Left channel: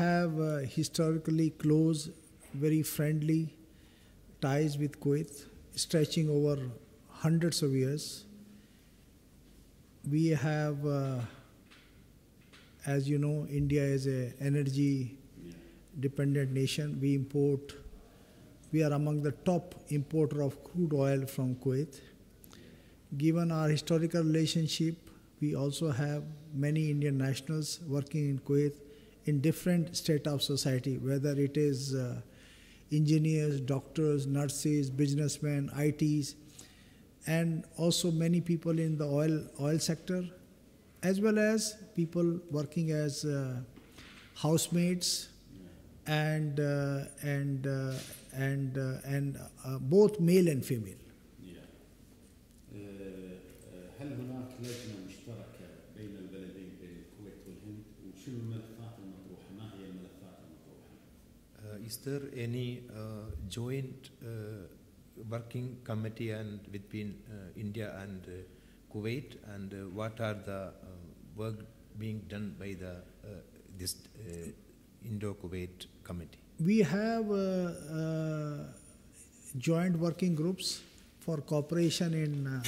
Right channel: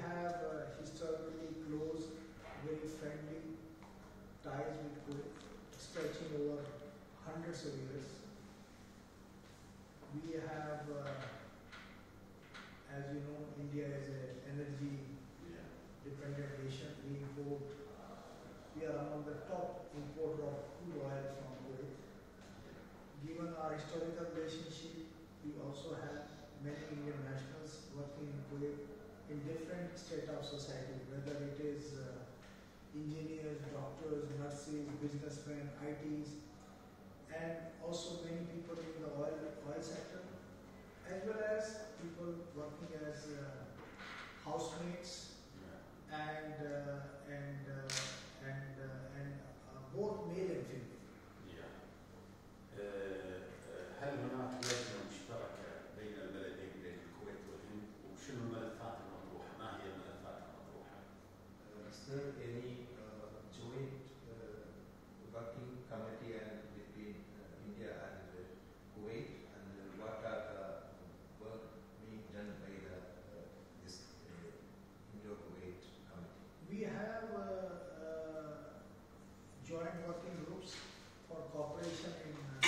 have historically close, very friendly ties with Kuwait, stretching over hundreds of years. We have, as you know, India is an energy dependent nation. We are among the top importer of crude oil from Kuwait. Given our historical relationship, we also have many Indian nationals working in Kuwait in different state of society, whether it is engineers, doctors, nurses, businessmen, ITs, and also many people in the oil sector, as well as people working as housemates and both male and female. هل هناك لجنة مشتركة بين البلدين بين الكويت والهند وشنو الملفات المطروحة؟ ما هي الملفات المطروحة؟ Is there any joint working committee between India and Kuwait, and what are the work being done by this Indo-Kuwait committee? We have joint working groups for cooperation in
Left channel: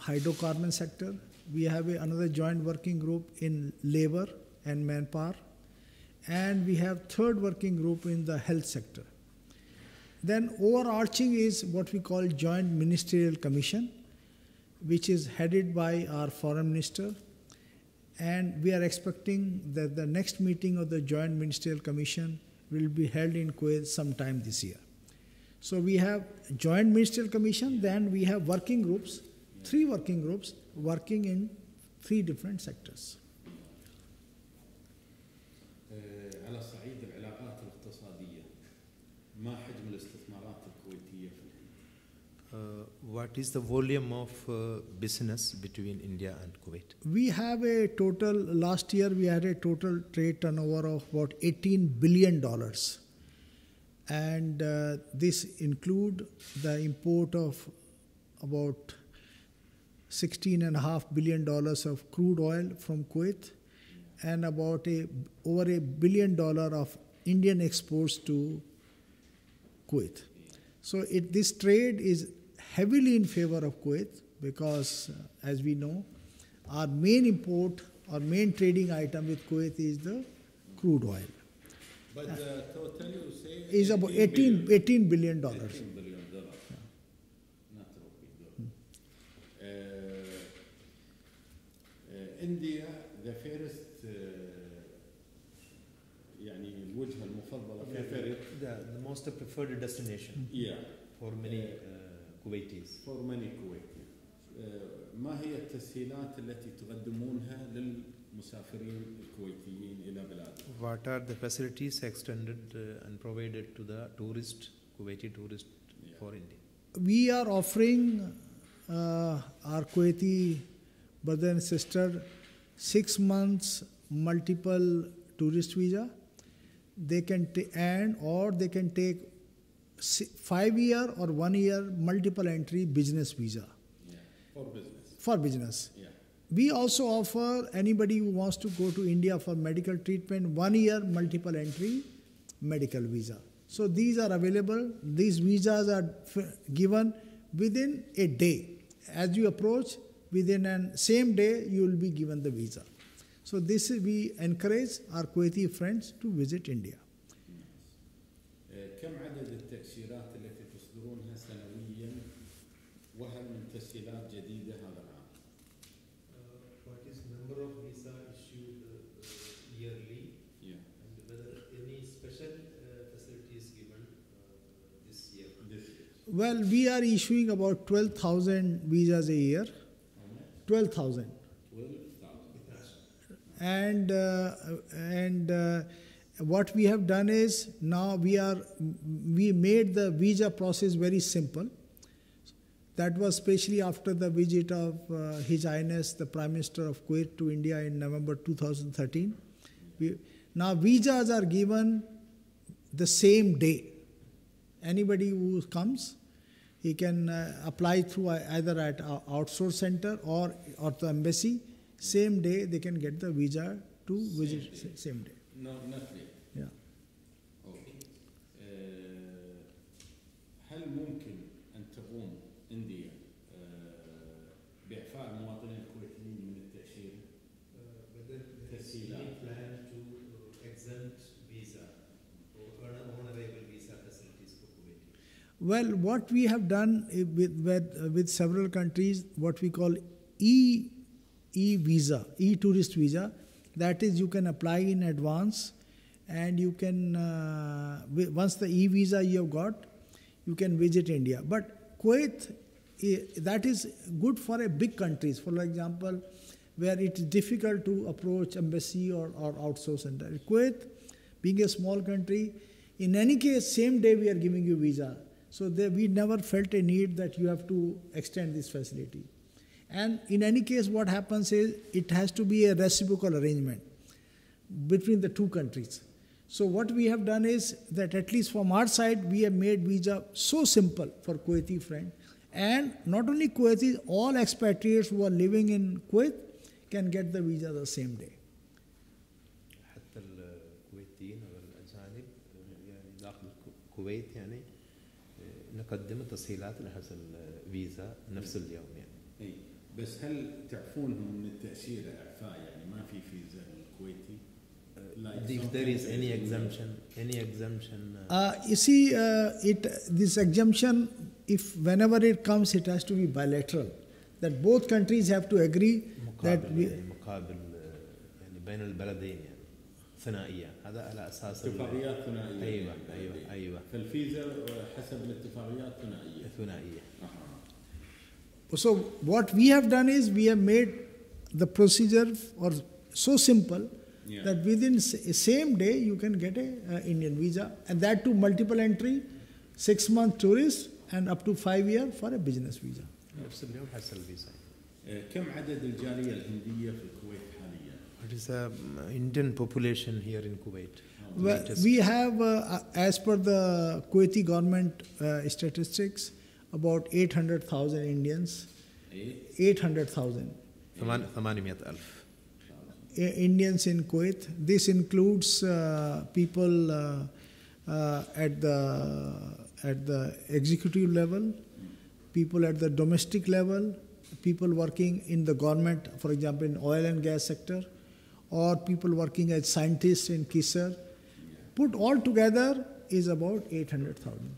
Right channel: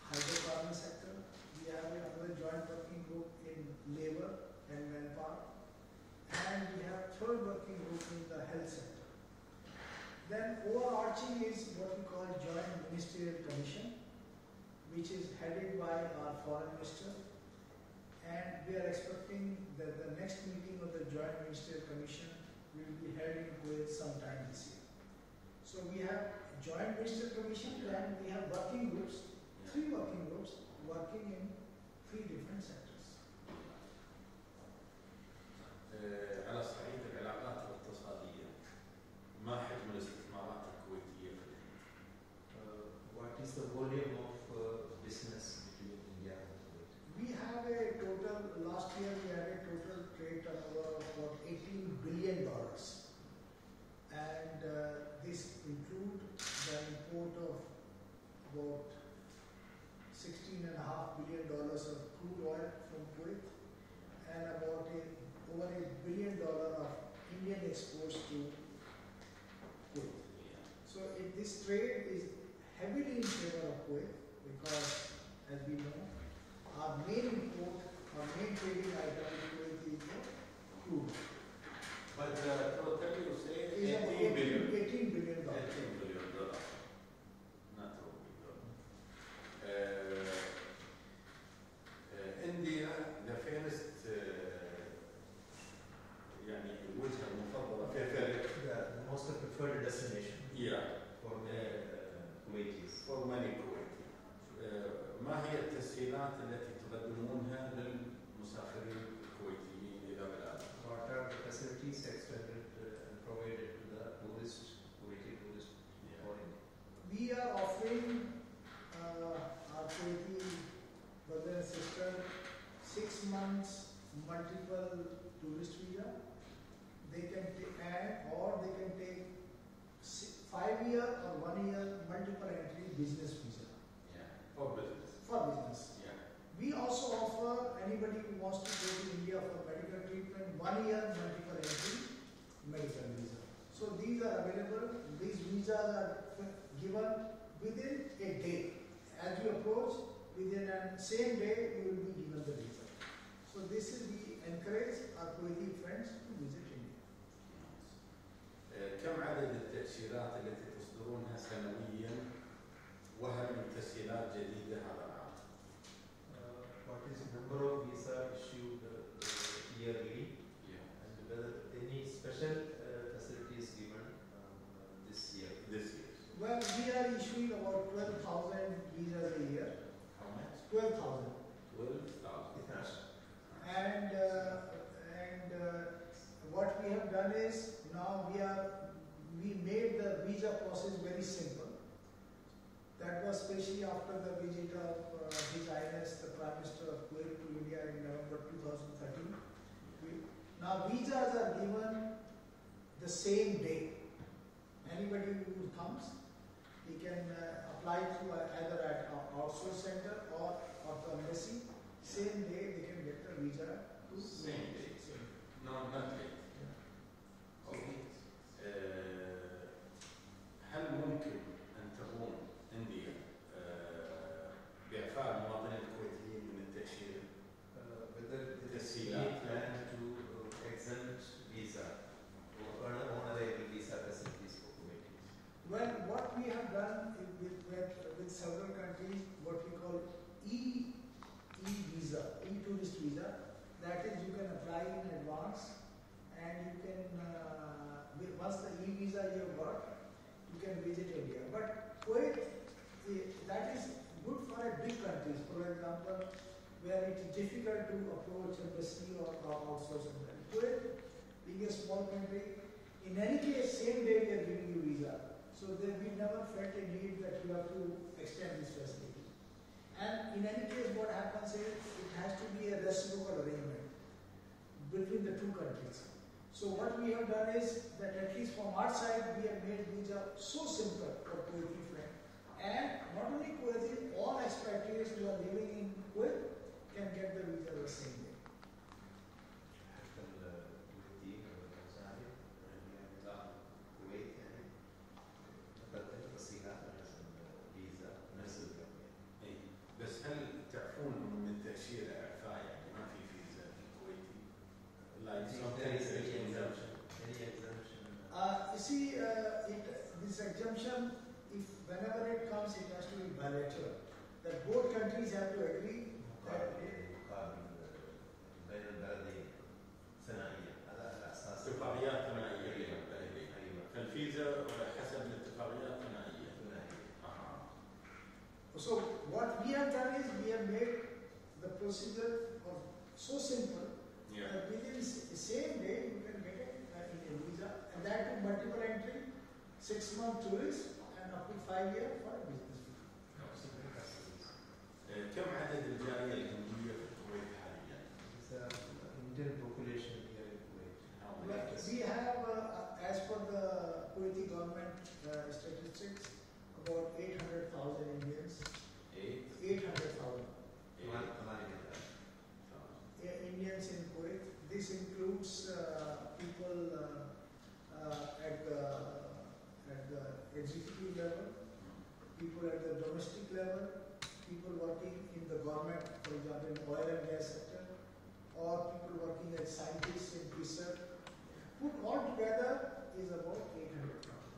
hydrocarbon sector. We have another joint working group in labor and manpower, and we have third working group in the health sector. Then overarching is what we call Joint Ministerial Commission, which is headed by our Foreign Minister, and we are expecting that the next meeting of the Joint Ministerial Commission will be held in Kuwait sometime this year. So we have Joint Ministerial Commission, then we have working groups, 3 working groups working in 3 different sectors. على صعيد العلاقات الاقتصادية، ما حجم الاستثمارات الكويتية في الهند؟ What is the volume of business between India and Kuwait? We have a total, last year we had a total trade turnover of about $18 billion. And this include the import of about $16.5 billion of crude oil from Kuwait, and about over $1 billion of Indian exports to Kuwait. So this trade is heavily in favor of Kuwait because, as we know, our main import, our main trading item with Kuwait is the crude oil. But total you say is about $18 billion. India the first يعني الوجهة المفضلة The most preferred destination for many Kuwaitis. For many Kuwaitis. ما هي التسهيلات التي تقدمونها للمسافرين الكويتيين إلى بلادهم؟ What are the facilities extended and provided to the Kuwaiti tourist for India? We are offering our Kuwaiti brother and sister 6 months multiple tourist visa. They can or they can take 5-year or 1-year multiple entry business visa. For business. We also offer anybody who wants to go to India for medical treatment 1-year multiple entry medical visa. So these are available. These visas are given within a day. As you approach, within a same day you will be given the visa. So this is, we encourage our Kuwaiti friends to visit India. كم عدد التأشيرات التي تصدرونها سنويا وهل من تسهيلات جديدة هذا العام؟ What is the number of visa issued yearly? And whether any special facilities given this year? Well, we are issuing about 12,000 visas a year. How much? 12,000. 12,000. And what we have done is now we made the visa process very simple. That was especially after the visit of His Highness the Prime Minister of Kuwait to India in November 2013. Now visas are given the same day. Anybody who comes, he can apply through either at our outsource center or the embassy. Same day they can get the visa to visit same day. No, not yet. Well, what we have done with several countries, what we call e-visa, e-tourist visa, that is you can apply in advance and you can, once the e-visa you have got, you can visit India. But Kuwait, that is good for a big countries, for example, where it is difficult to approach embassy or outsource center. Kuwait, being a small country, in any case, same day we are giving you visa. So we never felt a need that you have to extend this facility. And in any case, what happens is it has to be a reciprocal arrangement between the two countries. So what we have done is that at least from our side, we have made visa so simple for Kuwaiti friends. And not only Kuwaitis, all expatriates who are living in Kuwait can get the visa the same day. حتى الكويتيين الأجانب داخل الكويت يعني نقدم التسهيلات لحصل الفيزا نفس اليوم يعني. اي بس هل تعفونهم من التأشيرة إعفاء يعني ما في فيزا للكويتي؟ If there is any exemption. You see, this exemption, if whenever it comes, it has to be bilateral. That both countries have to agree that we. مقابل يعني بين البلدين يعني ثنائية هذا على أساس اتفاقيات ثنائية. أيوة. فالفيزا حسب الاتفاقيات ثنائية. So what we have done is we have made the procedure so simple that within same day you can get a Indian visa, and that too multiple entry, 6-month tourist and up to 5 years for a business visa. نفس اليوم حصل الفيزا. كم عدد الجالية الهندية في الكويت حاليا؟ It is an Indian population here in Kuwait. Well, we have, as per the Kuwaiti government statistics, about 800,000 Indians. 800,000. 800,000. Indians in Kuwait. This includes people at the executive level, people at the domestic level, people working in the government, for example, in oil and gas sector, or people working as scientists in KISAR. Put all together is about 800,000.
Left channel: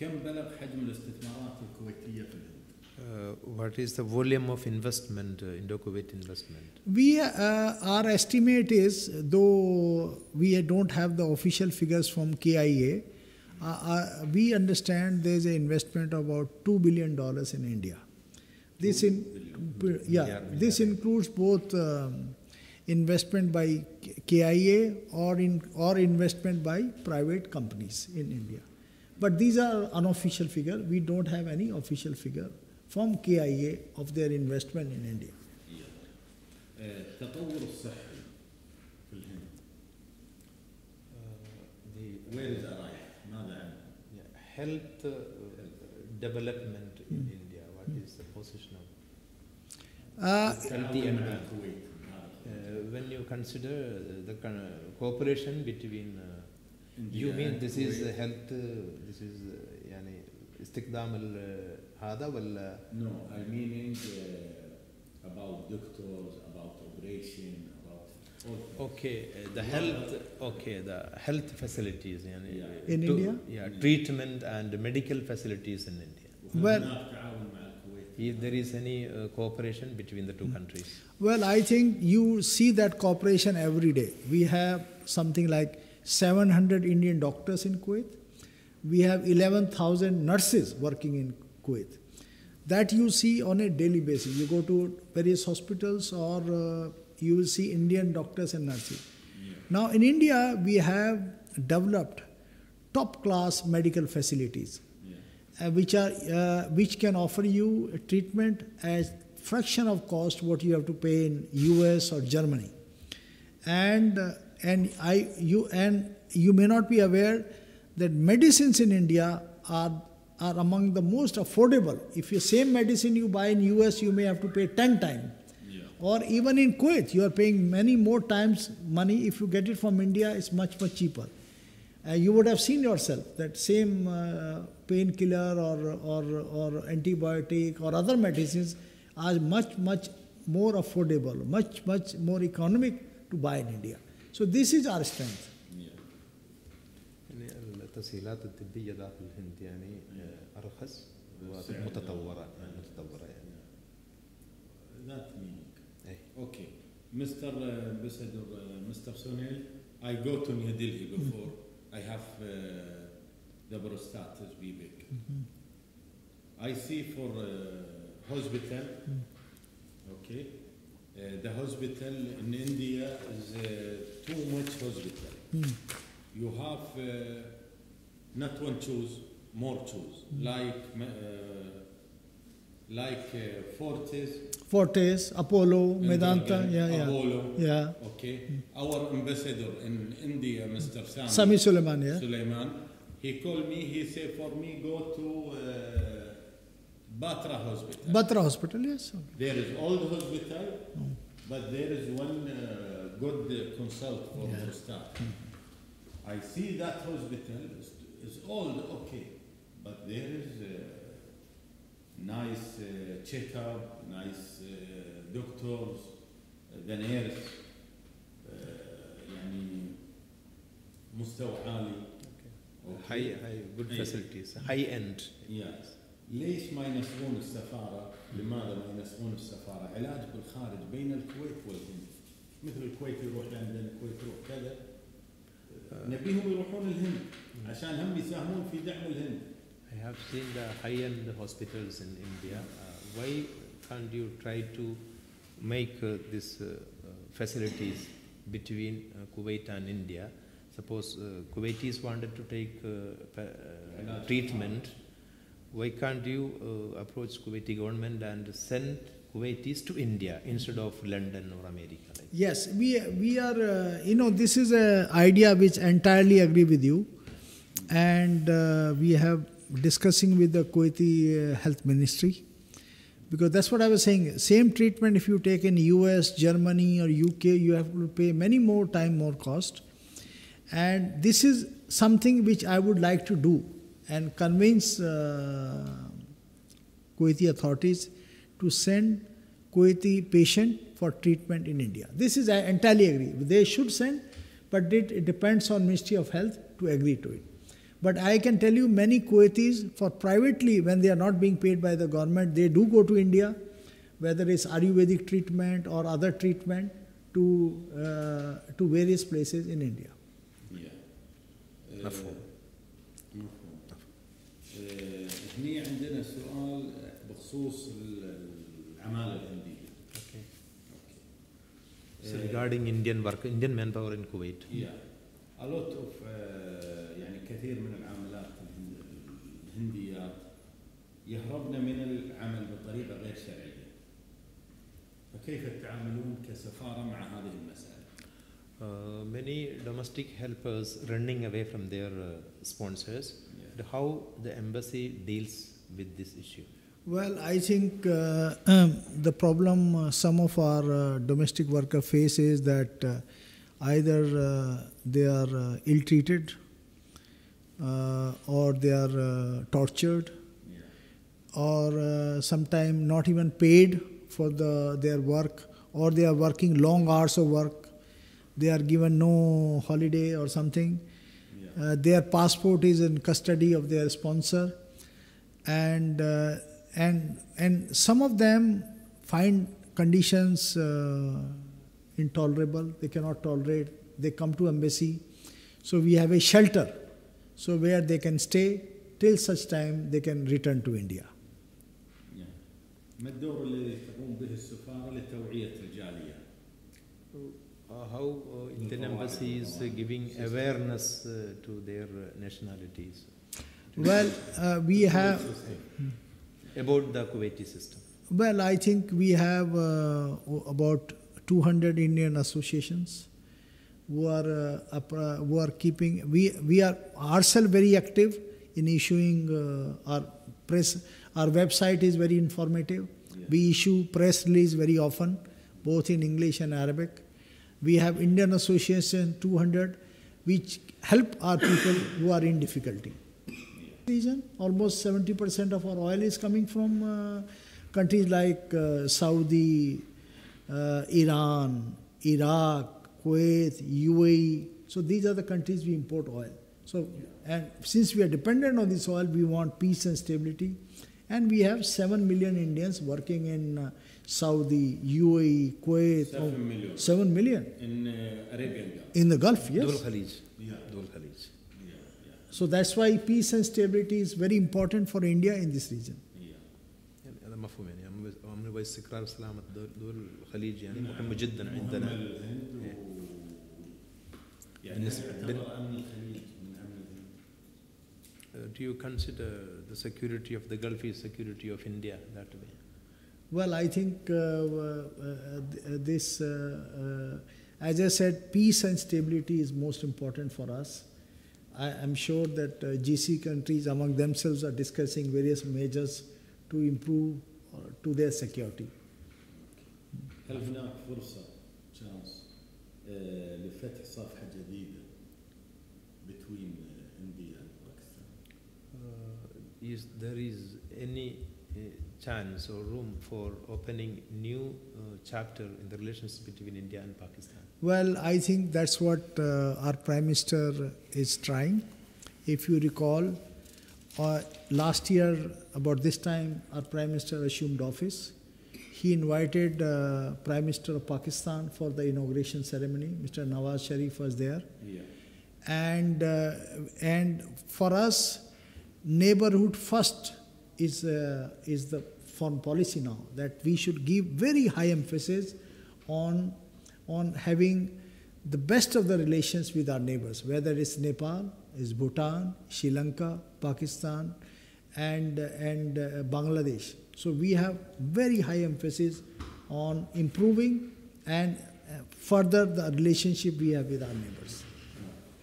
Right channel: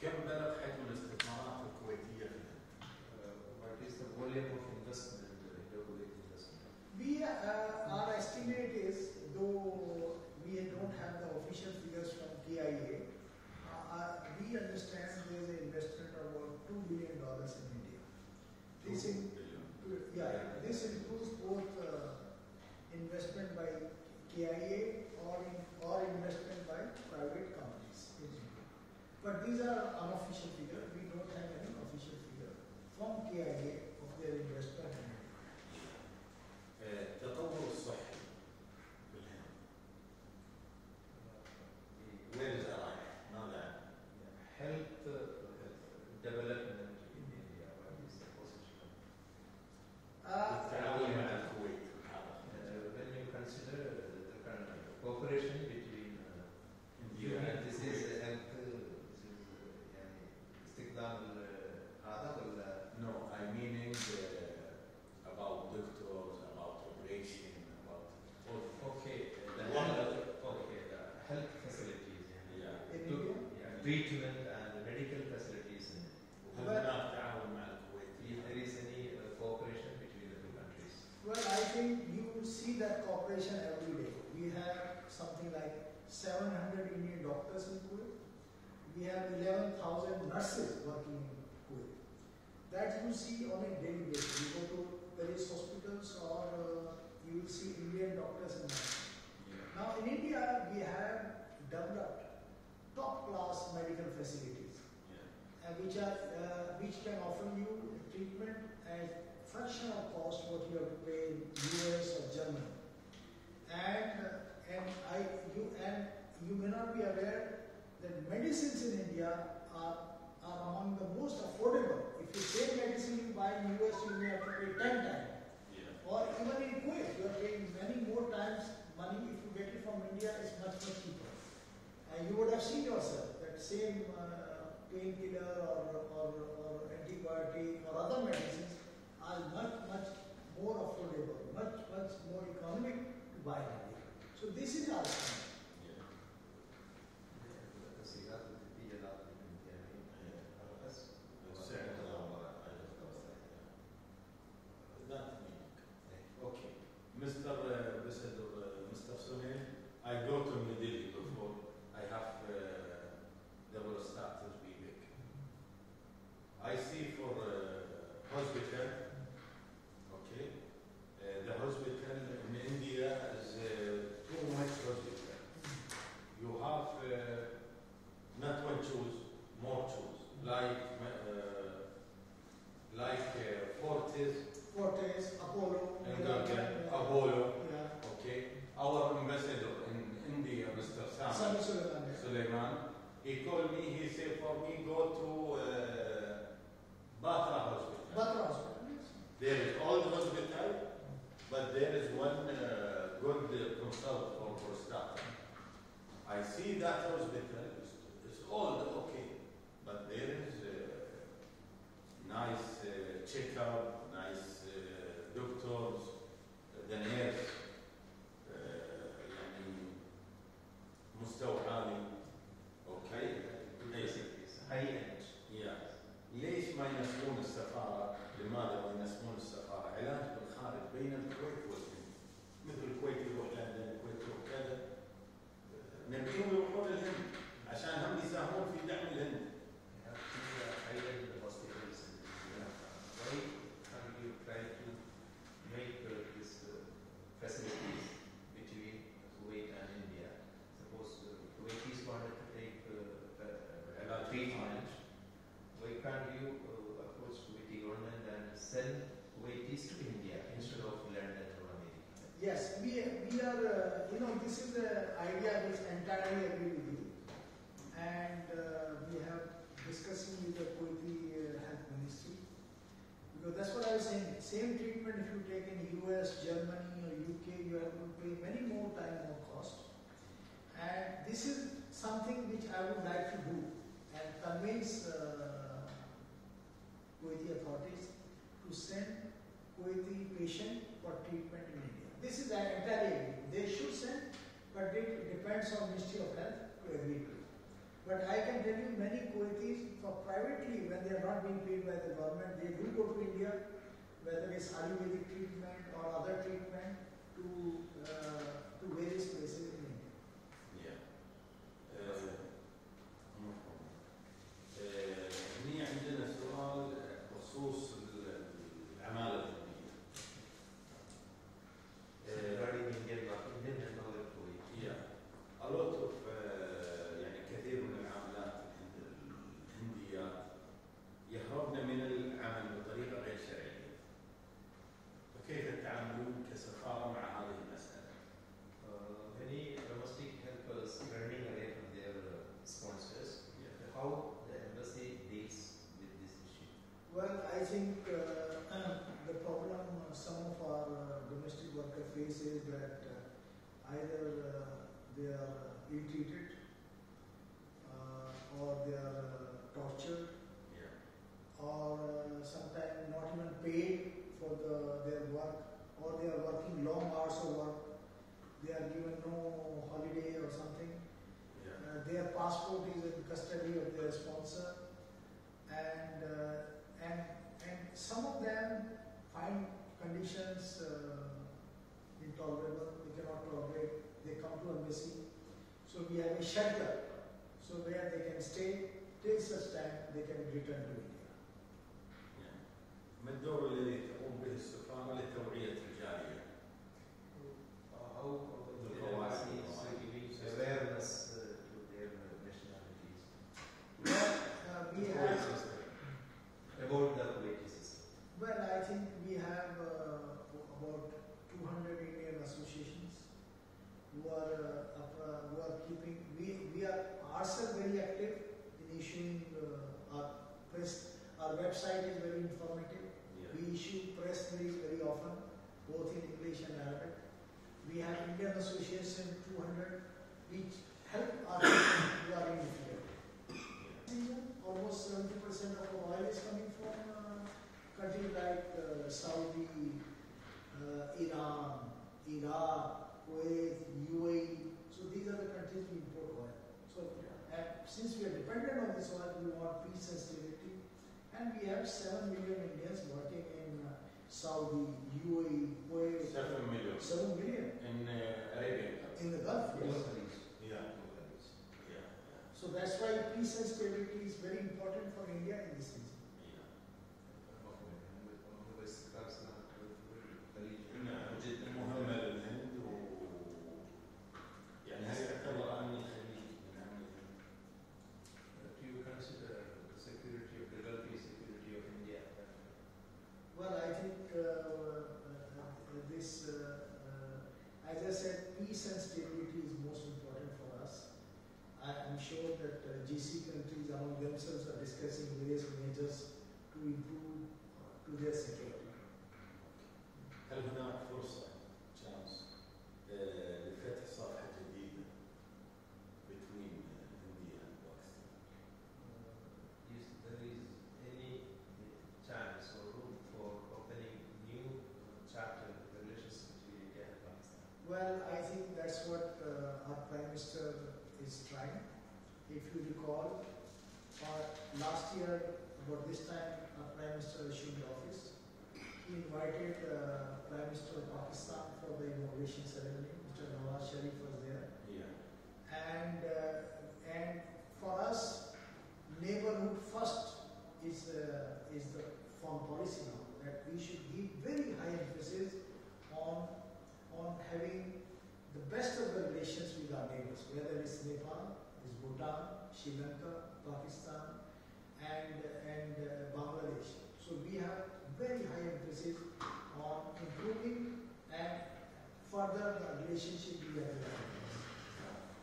كم بلغ حجم الاستثمارات الكويتية في الهند؟ What is the volume of investment, Indo-Kuwait investment? Our estimate is, though we don't have the official figures from KIA, we understand there is an investment of about $2 billion in India. This includes both investment by KIA or investment by private companies in India. But these are unofficial figures. We don't have any official figure from KIA of their investment in India. تطور الصحي في الهند. Where is our ماذا عنه؟ Health development in India. What is the position of healthy and when you consider the cooperation between you mean this is health, this is يعني استخدام هذا ولا? No, I mean about doctors, about operation, about the health facilities يعني in India? Treatment and medical facilities in India. Well, if there is any cooperation between the two countries. Well, I think you see that cooperation every day. We have something like 700 Indian doctors in Kuwait. We have 11,000 nurses working in Kuwait. That you see on a daily basis. You go to various hospitals or you will see Indian doctors and nurses. Now in India, we have developed top-class medical facilities, which can offer you a treatment at fraction of cost what you have to pay in US or Germany. And you may not be aware that medicines in India are among the most affordable. If the same medicine you buy in US, you may have to pay 10 times. Or even in Kuwait, you are paying many more times money. If you get it from India, it's much, much cheaper. You would have seen yourself that same painkiller or antibiotic or other medicines are much, much more affordable, much, much more economic to buy in India. So this is our strength. التسهيلات الطبية داخل الهند يعني أرخص ومتطورة يعني. That meaning. Okay. Mr. Ambassador, Mr. Sunil, I go to New Delhi before I have the prostatus big. I see for hospital, okay, the hospital in India is too much hospital. You have not one choose, more choose, like Fortis, Apollo, Medanta, Apollo, yeah. okay. Our ambassador in India, Mr. Sami Suleiman, yeah. Suleiman, he called me, he said for me go to Batra Hospital. Batra Hospital, yes. There is old hospital, but there is one good consult for prostate. I see that hospital is old, okay, but there is nice checkup, nice doctors, the nurse, يعني مستوى عالي. high good facilities, high end. Yes. ليش ما ينسبون السفارة؟ لماذا ما ينسبون السفارة؟ علاج بالخارج بين الكويت والهند. مثل الكويت يروح لندن، الكويت يروح كذا. نبيهم يروحون للهند عشان هم يساهمون في دعم الهند. I have seen the high-end hospitals in India. Why can't you try to make these facilities between Kuwait and India? Suppose Kuwaitis wanted to take treatment. Why can't you approach Kuwaiti government and send Kuwaitis to India instead of London or America? Yes, we are, this is an idea which entirely agree with you. And we have discussing with the Kuwaiti Health Ministry. Because that's what I was saying. Same treatment if you take in US, Germany or UK, you have to pay many more time, more cost. And this is something which I would like to do and convince Kuwaiti authorities to send Kuwaiti patient for treatment in India. This is, I entirely agree. They should send, but it depends on Ministry of Health to agree to it. But I can tell you many Kuwaitis, for privately, when they are not being paid by the government, they do go to India, whether it's Ayurvedic treatment or other treatment, to various places in India. هني عندنا سؤال بخصوص العمالة الهندية. So regarding Indian manpower in Kuwait. Yeah, a lot of يعني كثير من العاملات الهنديات يهربن من العمل بطريقة غير شرعية. فكيف تتعاملون كسفارة مع هذه المسألة؟ Many domestic helpers running away from their sponsors. How the embassy deals with this issue? Well, I think the problem some of our domestic worker face is that either they are ill-treated or they are tortured, or sometimes not even paid for their work, or they are working long hours of work. They are given no holiday or something. Their passport is in custody of their sponsor, and some of them find conditions intolerable. They cannot tolerate. They come to embassy. So we have a shelter, so where they can stay till such time they can return to India. ما الدور الذي تقوم به السفارة لتوعية الجالية؟ How Indian embassy is giving awareness to their nationalities? Well, we have about the Kuwaiti system. Well, I think we have about 200 Indian associations who are keeping. We are ourselves very active in issuing our press. Our website is very informative. We issue press release very often, both in English and Arabic. We have Indian Association 200, which help our people who are in difficulty. Region, almost 70% of our oil is coming from countries like Saudi, Iran, Iraq, Kuwait, UAE. So these are the countries we import oil. So And since we are dependent on this oil, we want peace and stability. And we have 7 million Indians working in Saudi, UAE, Kuwait. 7 million. 7 million. In Arabian Gulf. In the Gulf, yes. Dul Khalij. Yeah. Dul Khalij. Yeah, yeah, So that's why peace and stability is very important for India in this region. yeah. هذا مفهوم يعني أمن واستقرار وسلامة دول الخليج يعني مهم جدا عندنا. مهم للهند يعني يعتبر أمن الخليج من أمن الهند. Do you consider the security of the Gulf is security of India that way? Well, I think this, as I said, peace and stability is most important for us. I'm sure that GC countries among themselves are discussing various measures to improve to their security. هل هناك فرصة chance لفتح صفحة جديدة between India and Pakistan? There is any chance or room for opening new chapter in the relations between India and Pakistan? Well, I think that's what our Prime Minister is trying. If you recall, last year, about this time, our Prime Minister assumed office. He invited Prime Minister of Pakistan for the inauguration ceremony. Mr. Nawaz Sharif was there. Yeah. And for us, neighborhood first is the foreign policy now, that we should give very high emphasis on having the best of the relations with our neighbors, whether it's Nepal, it's Bhutan, Sri Lanka, Pakistan, and Bangladesh. So we have very high emphasis on improving and further the relationship we have with our neighbors.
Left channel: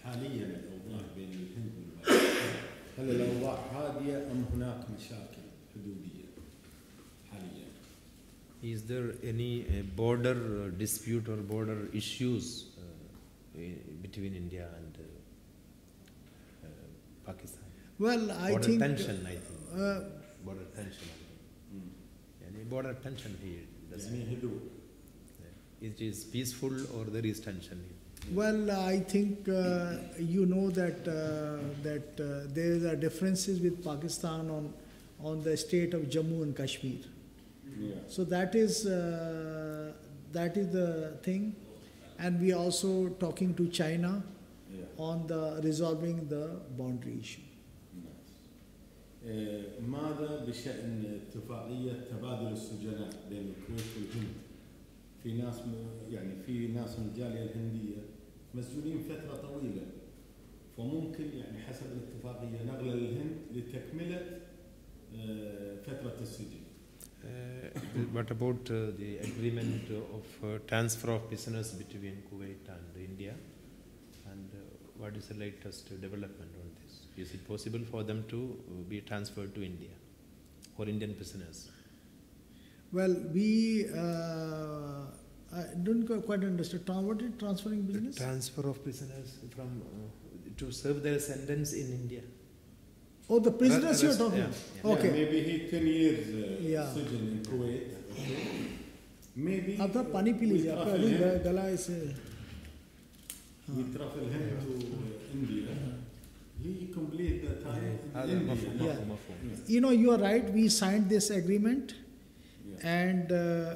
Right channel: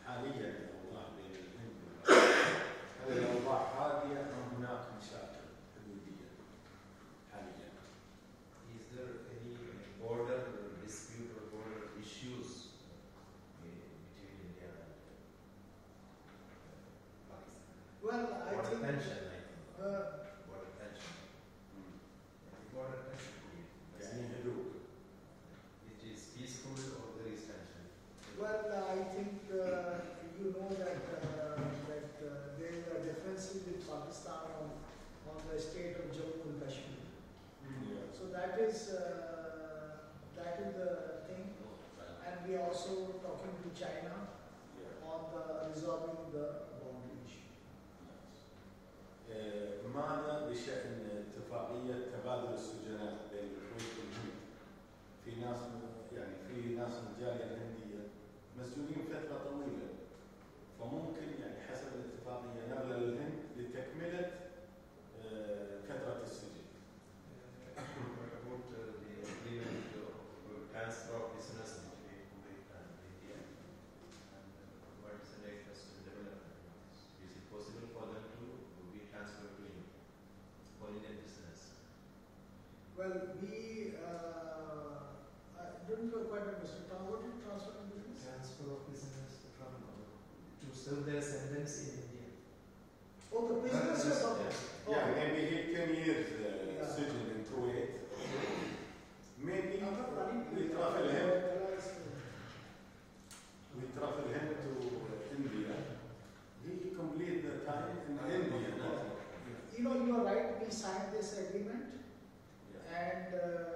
حاليا الأوضاع بين الهند والباكستان هل الأوضاع هادئة أم هناك مشاكل حدودية حاليا؟ Is there any border dispute or border issues between India and Pakistan? Well, I border think tension, I think. Border tension. Yani border tension here. يعني هدوء. It is peaceful or there is tension? Well, I think you know that there are differences with Pakistan on the state of Jammu and Kashmir. Yeah. So that is the thing, and we are also talking to China on the resolving the boundary issue. ماذا بشأن اتفاقية تبادل السجناء بين الكويت والهند؟ في ناس من الجالية الهندية مسجونين فترة طويلة، فممكن يعني حسب الاتفاقية نقله للهند لتكملة فترة السجن. What about the agreement of transfer of prisoners between Kuwait and India? And what is the latest development on this? Is it possible for them to be transferred to India for Indian prisoners? Well, we I don't quite understand. What is transferring business? Transfer of prisoners from to serve their sentence in India. Oh, the prisoners you are talking. Yeah. Okay. Yeah, maybe he 10 years Yeah. سجن in Kuwait. Maybe आपका पानी P लीजिए, आपका अभी गला ऐसे. we travel him to India. He completed the time in India. Yeah. You know, you are right. We signed this agreement. And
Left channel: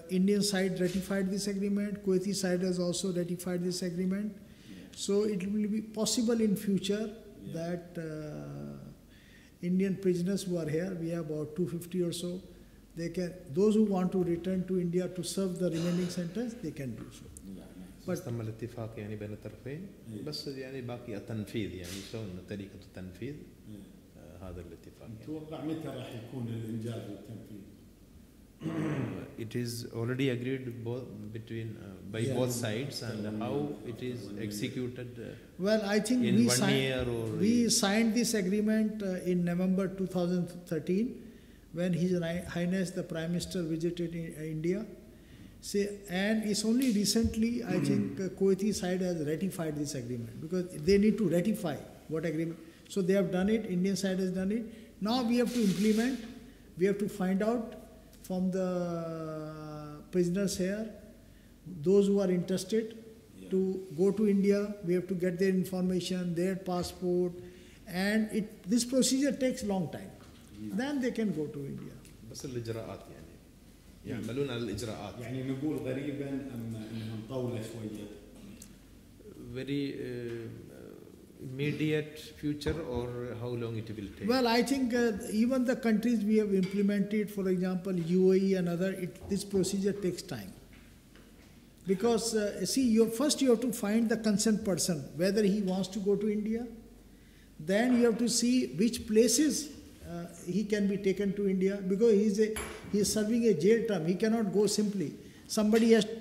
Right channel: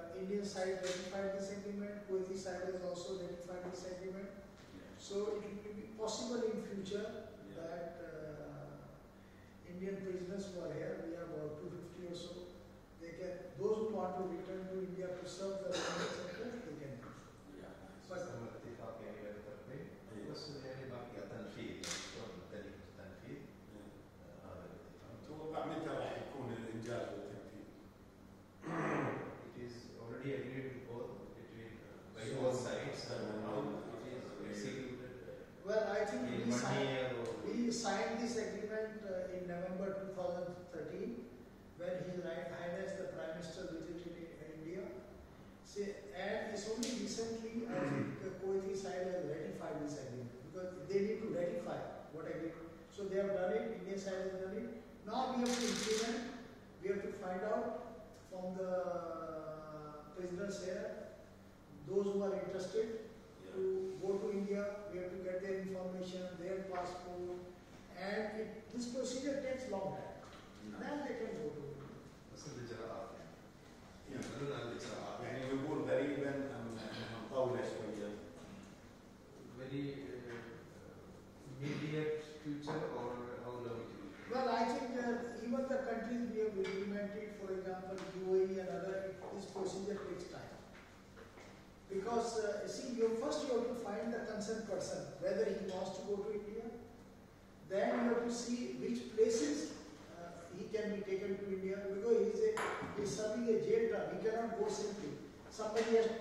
Indian side ratified this agreement. Kuwaiti side has also ratified this agreement. So it will be possible in future that Indian prisoners who are here, we have about 250 or so, those who want to return to India to serve the remaining sentence, they can do so. بس تم الاتفاق يعني بين الطرفين بس يعني باقي التنفيذ يعني شلون طريقة التنفيذ هذا الاتفاق. أتوقع متى راح يكون الإنجاز والتنفيذ؟ It is already agreed between by both sides, and how it is executed. Well, I think in we signed this agreement in November 2013 when His Highness the Prime Minister visited India. And it's only recently, I think, Kuwaiti side has ratified this agreement because they need to ratify what agreement. So they have done it, Indian side has done it. Now we have to implement, we have to find out from the prisoners here, those who are interested to go to India, we have to get their information, their passport, and this procedure takes long time. Then they can go to India. بس الإجراءات يعني يعملون على الإجراءات. يعني نقول قريبا أم نطول شوية. Very immediate future, or how long it will take? Well, I think even the countries we have implemented, for example, UAE and other, this procedure takes time. Because first you have to find the concerned person, whether he wants to go to India. Then you have to see which places he can be taken to India, because he is serving a jail term. He cannot go simply.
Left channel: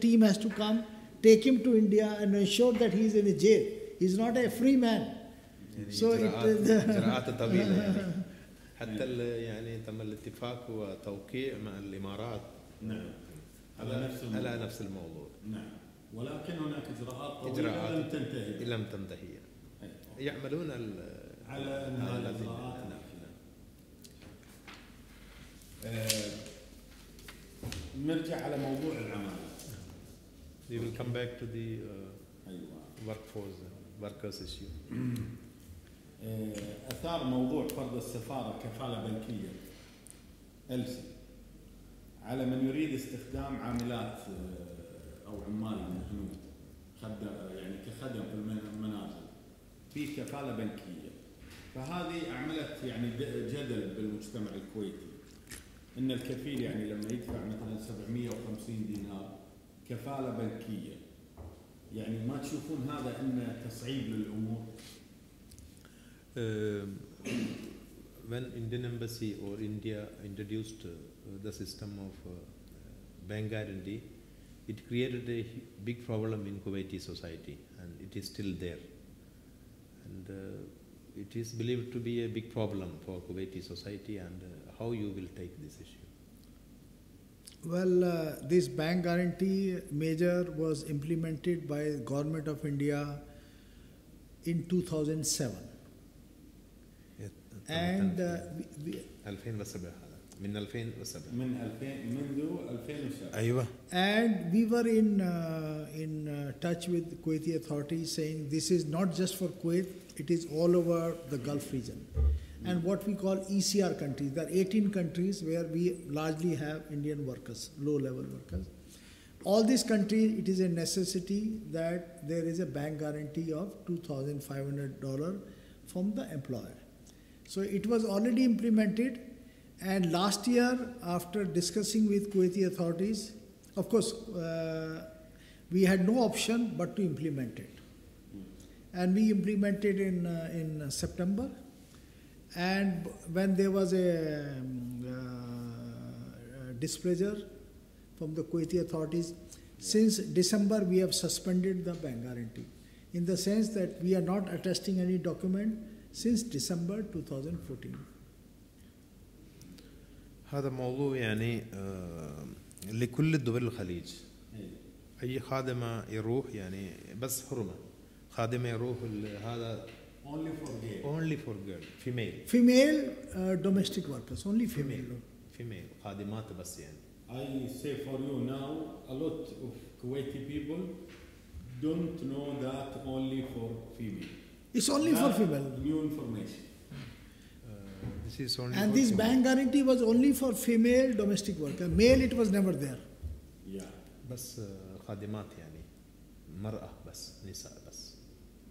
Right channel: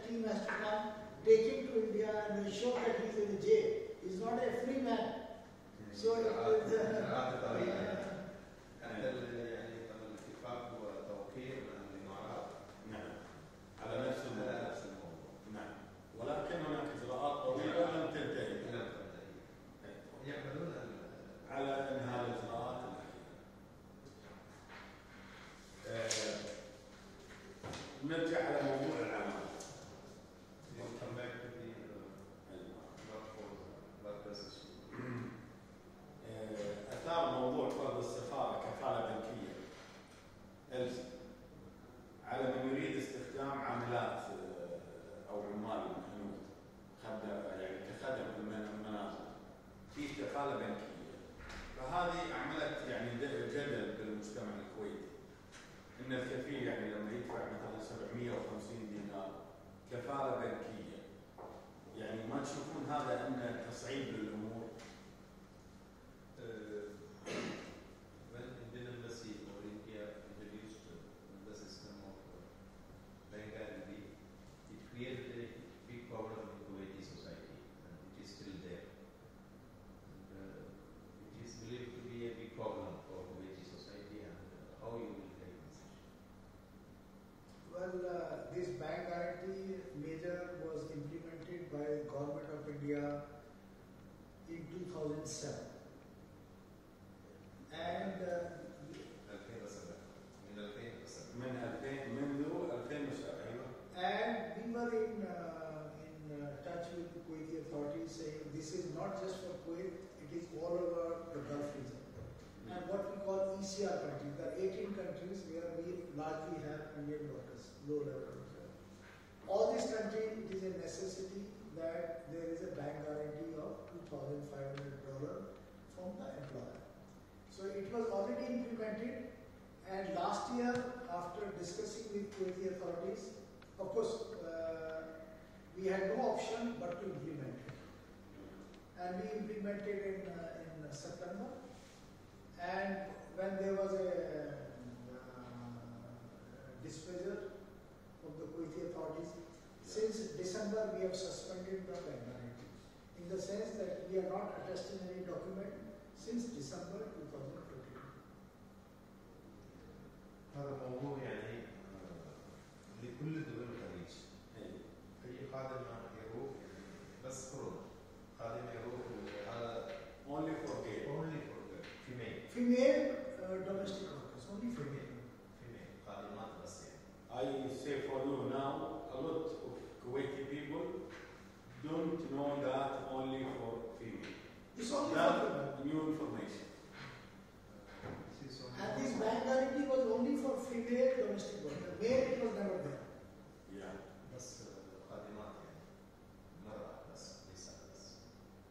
Team has to come, take him to India and ensure that he is in a jail. He is not a free man. So إجراءات طويلة يعني. حتى يعني تم الاتفاق وتوقيع مع الإمارات. نعم. على نفس الموضوع. نعم. ولكن هناك إجراءات طويلة لم تنتهي. يعملون على انهاء الاجراءات الاخيره. نرجع على موضوع العماله. We will come back to the workers issue. اثار موضوع فرض السفاره كفاله بنكيه ألسي على من يريد استخدام عاملات او عمال من الهنود يعني كخدم في المنازل في كفاله بنكيه. فهذه عملت يعني جدل بالمجتمع الكويتي، ان الكفيل يعني لما يدفع مثلا 750 دينار كفاله بنكيه، يعني ما تشوفون هذا انه تصعيب للامور؟ When Indian Embassy or India introduced the system of bank guarantee, it created a big problem in Kuwaiti society, and it is still there. And it is believed to be a big problem for Kuwaiti society, and how you will take this issue? Well, this bank guarantee measure was implemented by the Government of India in 2007. And منذ 2007. أيوة. And we were in touch with Kuwaiti authorities saying this is not just for Kuwait, it is all over the Gulf region. And what we call ECR countries, there are 18 countries where we largely have Indian workers, low-level workers. All these countries, it is a necessity that there is a bank guarantee of $2,500 from the employer. So it was already implemented, and last year, after discussing with Kuwaiti authorities, of course, we had no option but to implement it. And we implemented in September. And when there was a displeasure from the Kuwaiti authorities, since December we have suspended the bank guarantee, in the sense that we are not attesting any document since December 2014. هذا موضوع يعني لكل الدول الخليج. أي خادمة يروح يعني بس حرمة، خادمة يروح هذا only for girl, female domestic workers, only female خادمات بس يعني. I say for you now, a lot of Kuwaiti people don't know that only for female. It's only for female. New information. This is only. And this bank guarantee was only for female domestic worker. Male, it was never there. Yeah. بس خادمات يعني مرأة بس نساء بس.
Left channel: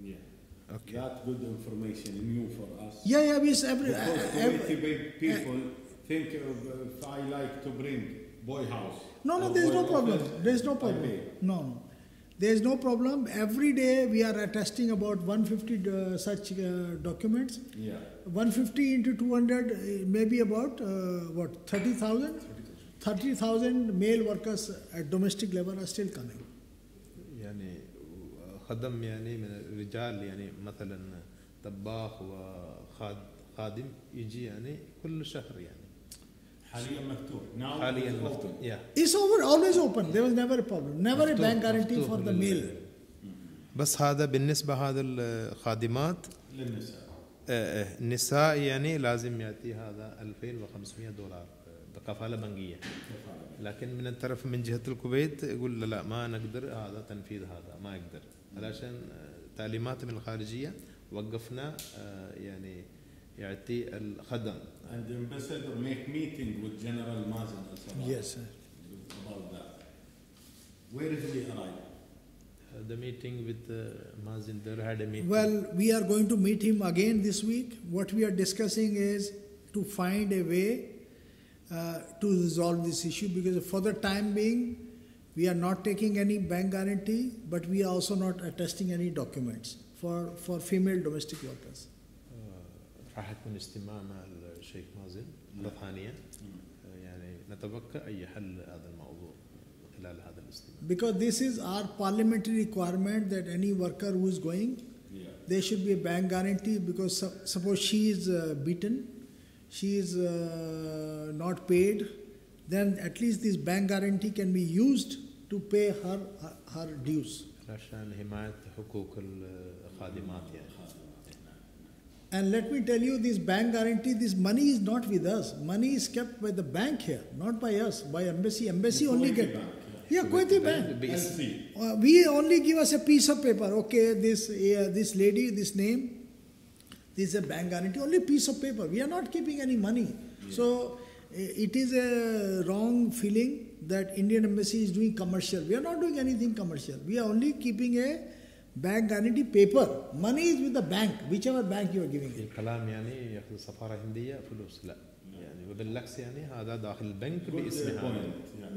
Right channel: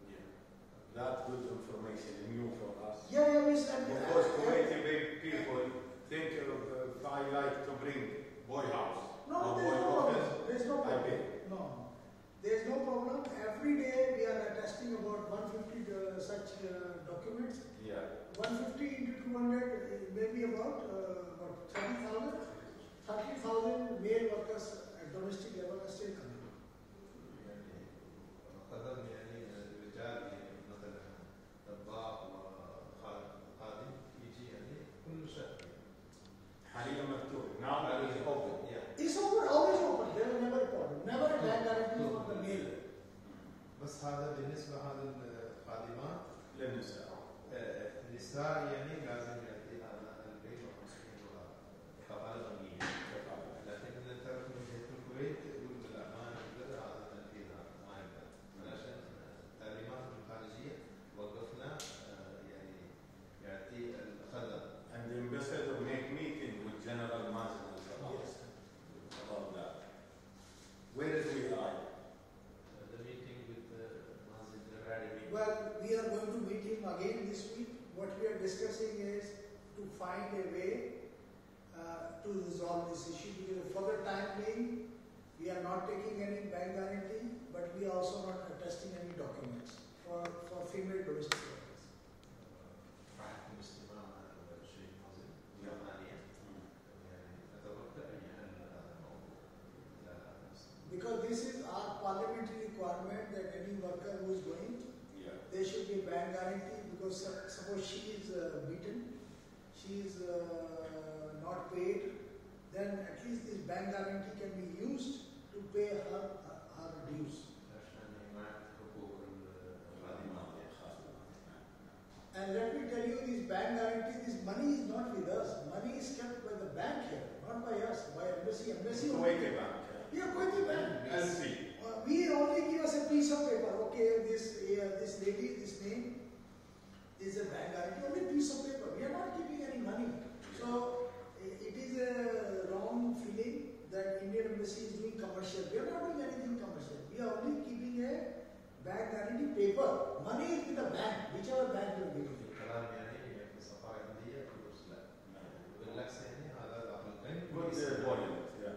Yeah. Okay. That good information new for us. Yeah, we Kuwaiti people think if I like to bring boy house. No, there's no problem. There's no problem. No. There's no problem. Every day we are attesting about 150 such documents. Yeah. 150 into 200, maybe about 30,000? 30,000 male workers at domestic level are still coming. يعني خدم يعني من الرجال يعني مثلا طباخ وخادم يجي يعني كل شهر يعني. حاليا مفتوح. Yeah. It's always open. There was never a problem. Never a bank guarantee for the male. بس هذا بالنسبة هذا الخادمات النساء يعني لازم يأتي هذا $2,500 كفالة بنكية. لكن من الطرف من جهة الكويت يقول لا ما نقدر هذا تنفيذ هذا ما يقدر علشان تعليمات من الخارجية وقفنا يعني يعطي الخدم. And the ambassador make meeting with General Mazen al-Sabah. Yes, sir. About that. Where did we arrive? The meeting with Mazinder had a meeting. Well, we are going to meet him again this week. What we are discussing is to find a way to resolve this issue, because for the time being, we are not taking any bank guarantee, but we are also not attesting any documents for female domestic workers. راح يكون اجتماع مع الشيخ مازن مرة ثانية، يعني نتوقع أي حل هذا الموضوع خلال هذا الاجتماع. Because this is our parliamentary requirement that any worker who is going, there should be a bank guarantee, because suppose she is beaten, she is not paid, then at least this bank guarantee can be used to pay her dues. عشان حماية حقوق الخادمات يعني. And let me tell you, this bank guarantee, this money is not with us. Money is kept by the bank here, not by us, by embassy. Embassy only Kuwaiti get. bank, Yeah, Kuwaiti bank. LC. We only give us a piece of paper. Okay, this lady, this name, this is a bank guarantee. Only piece of paper. We are not keeping any money. So it is a wrong feeling that Indian embassy is doing commercial. We are not doing anything commercial. We are only keeping a bank guarantee paper. Money is with the bank, whichever bank you are giving it. الكلام يعني ياخذ سفارة هندية فلوس لا يعني وبالعكس يعني هذا داخل البنك باسمها.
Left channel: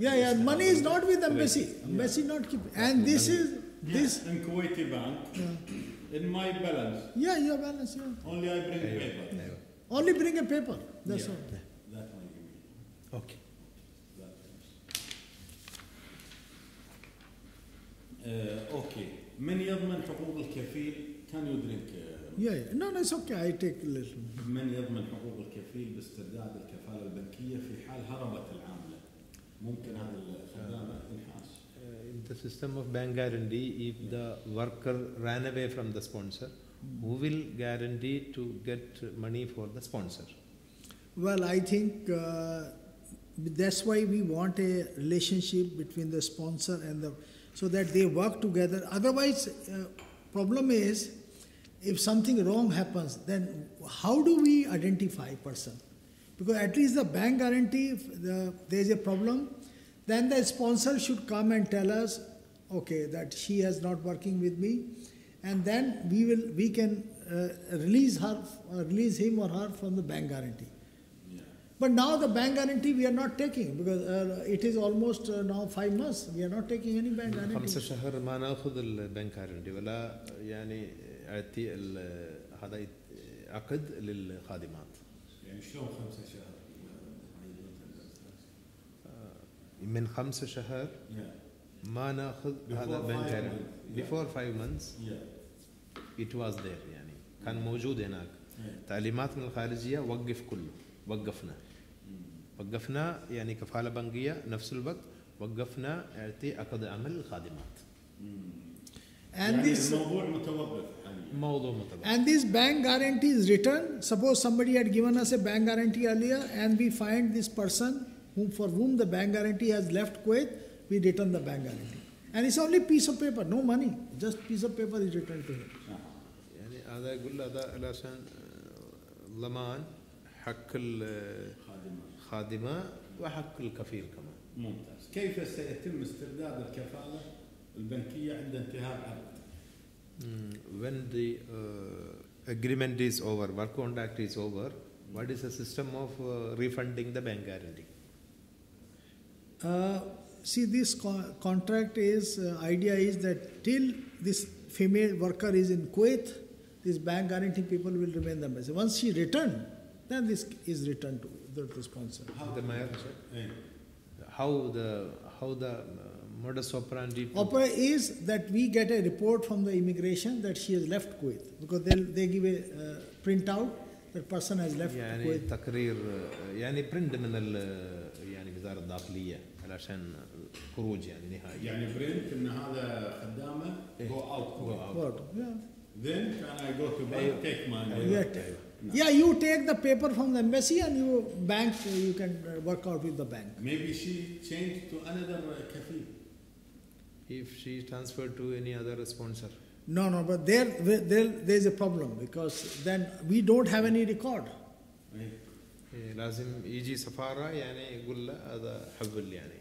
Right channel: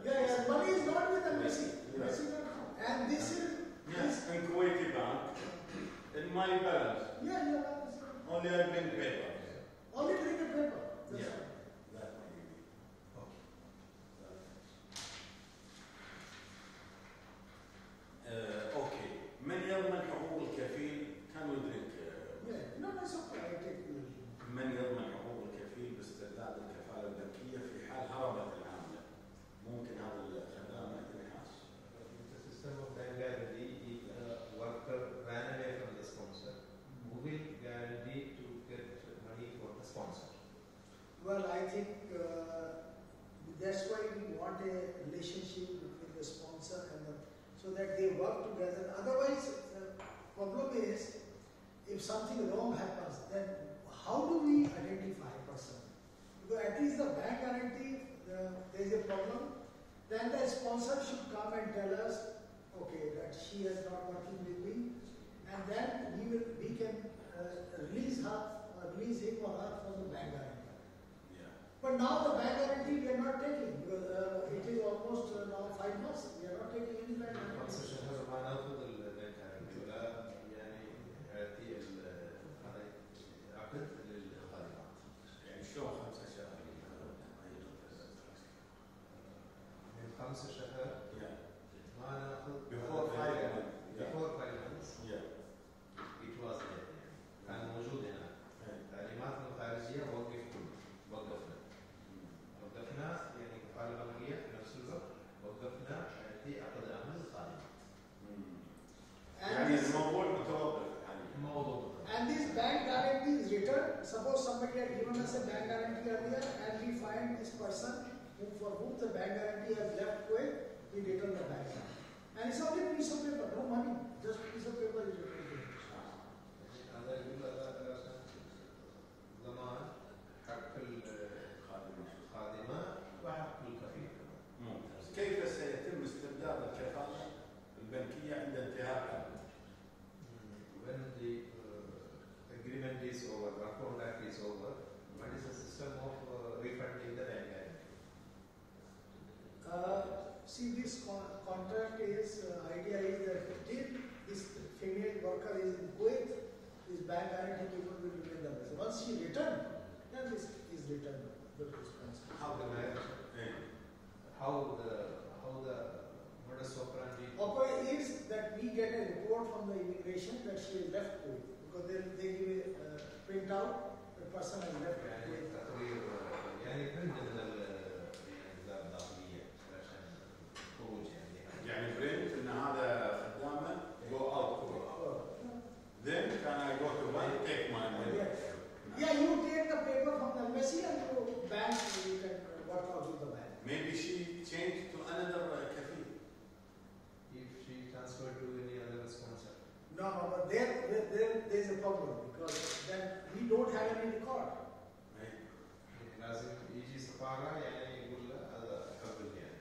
Yeah, money is not with embassy. Embassy not keep. And this is this. In Kuwaiti bank, in my balance. Yeah, your balance. Yeah. Only I bring paper. Only bring a paper. That's all. That might be. Okay. Okay. من يضمن حقوق الكفيل؟ Can you drink? Yeah. No, it's okay. I take a little. من يضمن حقوق الكفيل باسترداد الكفالة البنكية في حال هربت العاملة؟ ممكن هذا الخدمة ينحاس. The system of bank guarantee, if the worker ran away from the sponsor, who will guarantee to get money for the sponsor? Well, I think that's why we want a relationship between the sponsor and the, so that they work together. Otherwise, problem is, if something wrong happens, then how do we identify a person? Because at least the bank guarantee, if there is a problem, then the sponsor should come and tell us, okay, that she is not working with me, and then we can release him or her from the bank guarantee. But now the bank guarantee we are not taking, because it is almost now 5 months. We are not taking any bank guarantee. 5 شهور ما ناخذ البنك guarantee ولا يعني اعطي هذا عقد للخادمات. يعني شلون 5 شهور؟ من 5 شهور ما ناخذ هذا البنك guarantee. Before 5 months it was there يعني كان موجود هناك. تعليمات من الخارجية وقف كله. وقفنا يعني كفالة بنكية نفس الوقت وقفنا اعطي عقد عمل للخادمات. And this and this bank guarantee is returned. Suppose somebody had given us a bank guarantee earlier, and we find this person for whom the bank guarantee has left Kuwait, we return the bank guarantee. And it's only piece of paper, no money, just piece of paper is returned to him. يعني هذا يقول هذا علشان ضمان حق الخادمة وحق الكفيل كمان. ممتاز. كيف سيتم استرداد الكفالة البنكية عند انتهاء العقد؟ When the agreement is over, work contract is over, what is the system of refunding the bank guarantee? See, this contract is, idea is that till this female worker is in Kuwait, this bank guarantee people will remain the message. Once she return, then this is returned to the sponsor. How the modus operandi is that we get a report from the immigration that she has left Kuwait, because they give a printout that person has left يعني Kuwait. تقرير يعني برنت من يعني وزارة الداخلية علشان خروج يعني نهائي. يعني برنت ان هذا خدامه go out. Yeah. Then can I go to bank, take my money? Yeah, you take the paper from the embassy and you can work out with the bank. Maybe she changed to another kafil. If she transferred to any other sponsor. No, but there's a problem because then we don't have any record. لازم يجي سفارة يعني يقول له هذا حول يعني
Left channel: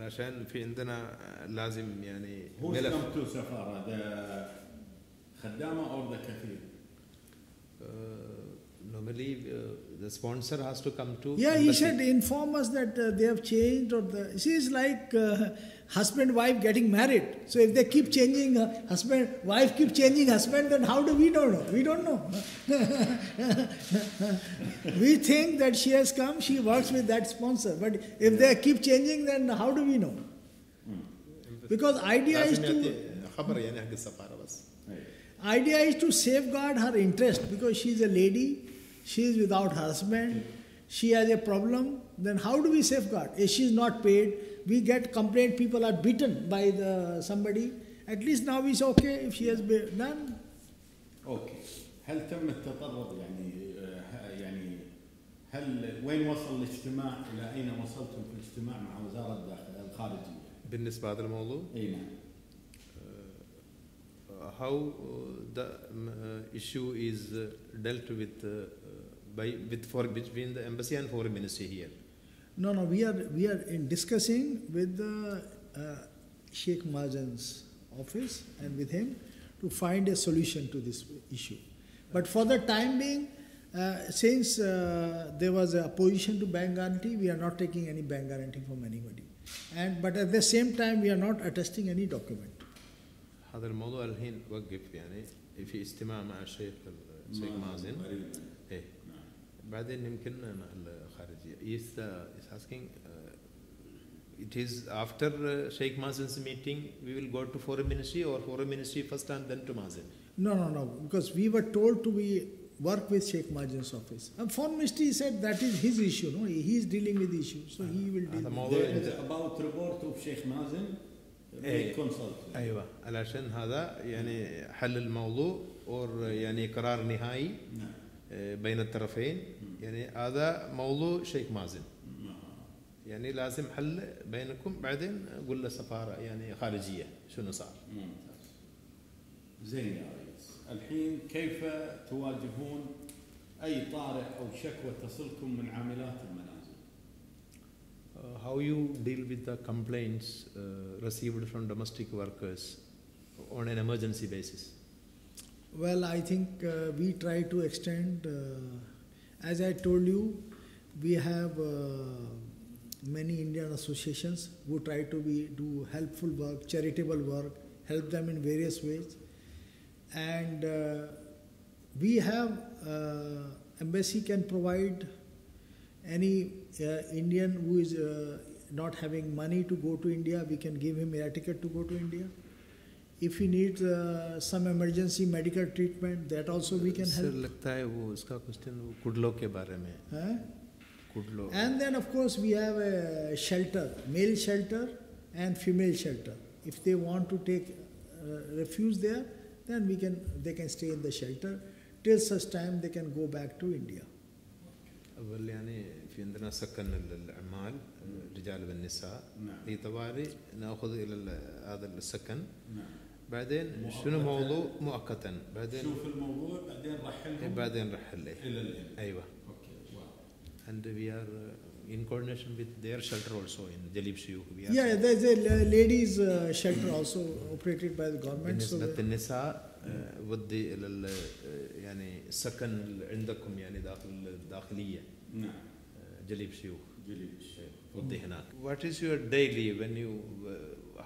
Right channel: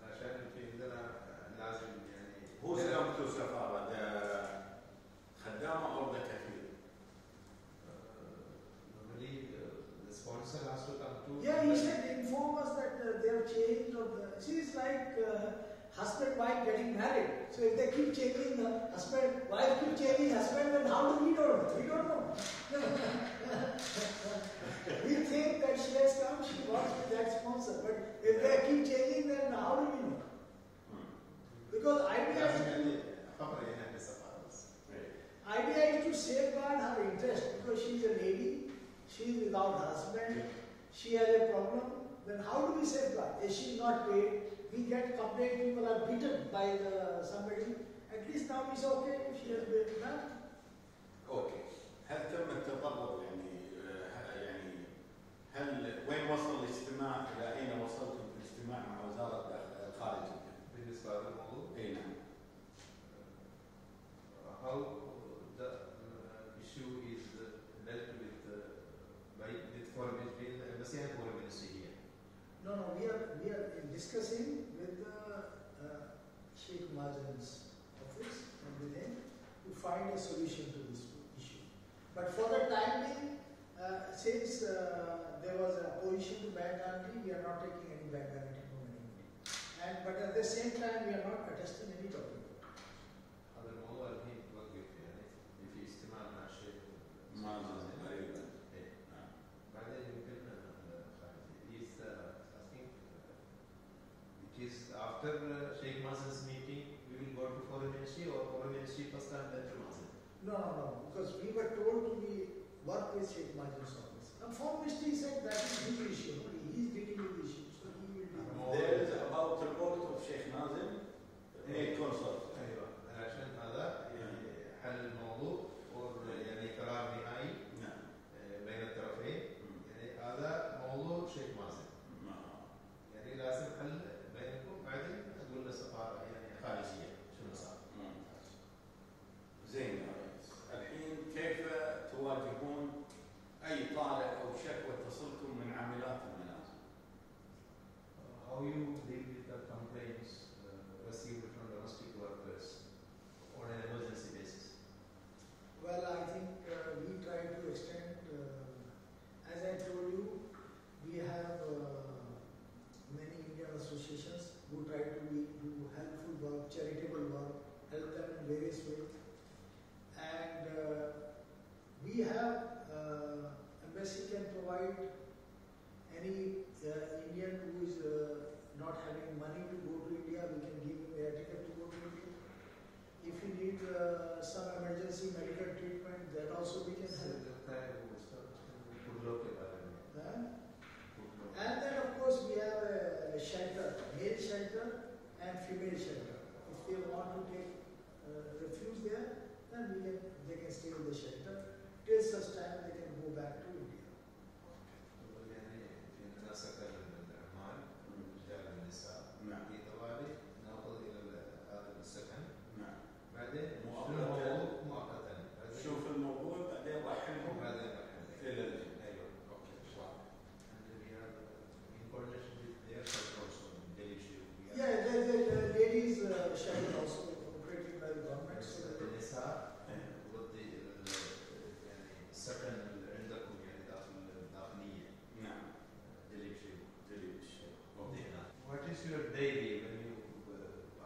علشان في عندنا لازم يعني هو استلمتوا سفارة ذا خدامة أو ذا كفيل؟ Normally the sponsor has to come to Yeah, he embassy. should inform us that they have changed or she's like husband wife getting married. So if they keep changing husband, wife keep changing husband, then how do we know? We don't know. We think that she has come, she works with that sponsor. But if they keep changing, then how do we know? Because idea is to safeguard her interest because she is a lady, she is without husband, she has a problem. Then how do we safeguard? If she is not paid, we get complaint, people are beaten by somebody. At least now we say, okay, if she has been done. Okay. هل تم التطرق هل وين وصل الاجتماع إلى أين وصلتم في الاجتماع مع وزارة الخارجية؟ بالنسبة لهذا الموضوع؟ إي نعم. How the issue is dealt with between the embassy and foreign ministry here? No, we are in discussing with the Sheikh Majan's office and with him to find a solution to this issue. But for the time being, since there was a opposition to bank guarantee, we are not taking any bank guarantee from anybody. But at the same time, we are not attesting any document. هذا الموضوع الحين وقف يعني في اجتماع مع الشيخ مازن. إيه. بعدين يمكن الخارجية. Is asking. It is after Sheikh Mazen's meeting we will go to foreign ministry or foreign ministry first and then to Mazen? No. Because we were told to work with Sheikh Majan's office. And foreign ministry said that is his issue. No, he is dealing with the issue, so he will deal. There is about report of Sheikh Mazen. أيوة علشان هذا يعني حل الموضوع أو يعني قرار نهائي بين الطرفين يعني هذا موضوع شيخ مازن يعني لازم حل بينكم بعدين نقول له سفارة يعني خارجية شنو صار. زين يا ريس. الحين كيف تواجهون أي طارئ أو شكوى تصلكم من عاملات المنازل؟ How you deal with the complaints received from domestic workers on an emergency basis? Well, I think we try to extend, as I told you, we have many Indian associations who try to do helpful work, charitable work, help them in various ways. And we have, embassy can provide any Indian who is not having money to go to India, we can give him a ticket to go to India. If he needs some emergency medical treatment, that also we can help. लगता है वो इसका question कुडलो के बारे में. कुडलो. And then of course we have a shelter, male shelter and female shelter. If they want to take refuge there, then they can stay in the shelter till such time they can go back to India. أول يعني في عندنا سكن للعمال الرجال والنساء. في طوالي نأخذ إلى هذا السكن. بعدين شنو موضوع مؤقتا بعدين شوف الموضوع بعدين رحل له ايوه and we are in coordination with their shelter also in Jalib Shiu. Yeah, there's a ladies shelter also operated by the government. بالنسبة للنساء ودي إلى يعني سكن عندكم يعني داخلية. نعم. جليب شيو ودي هناك. What is your daily when you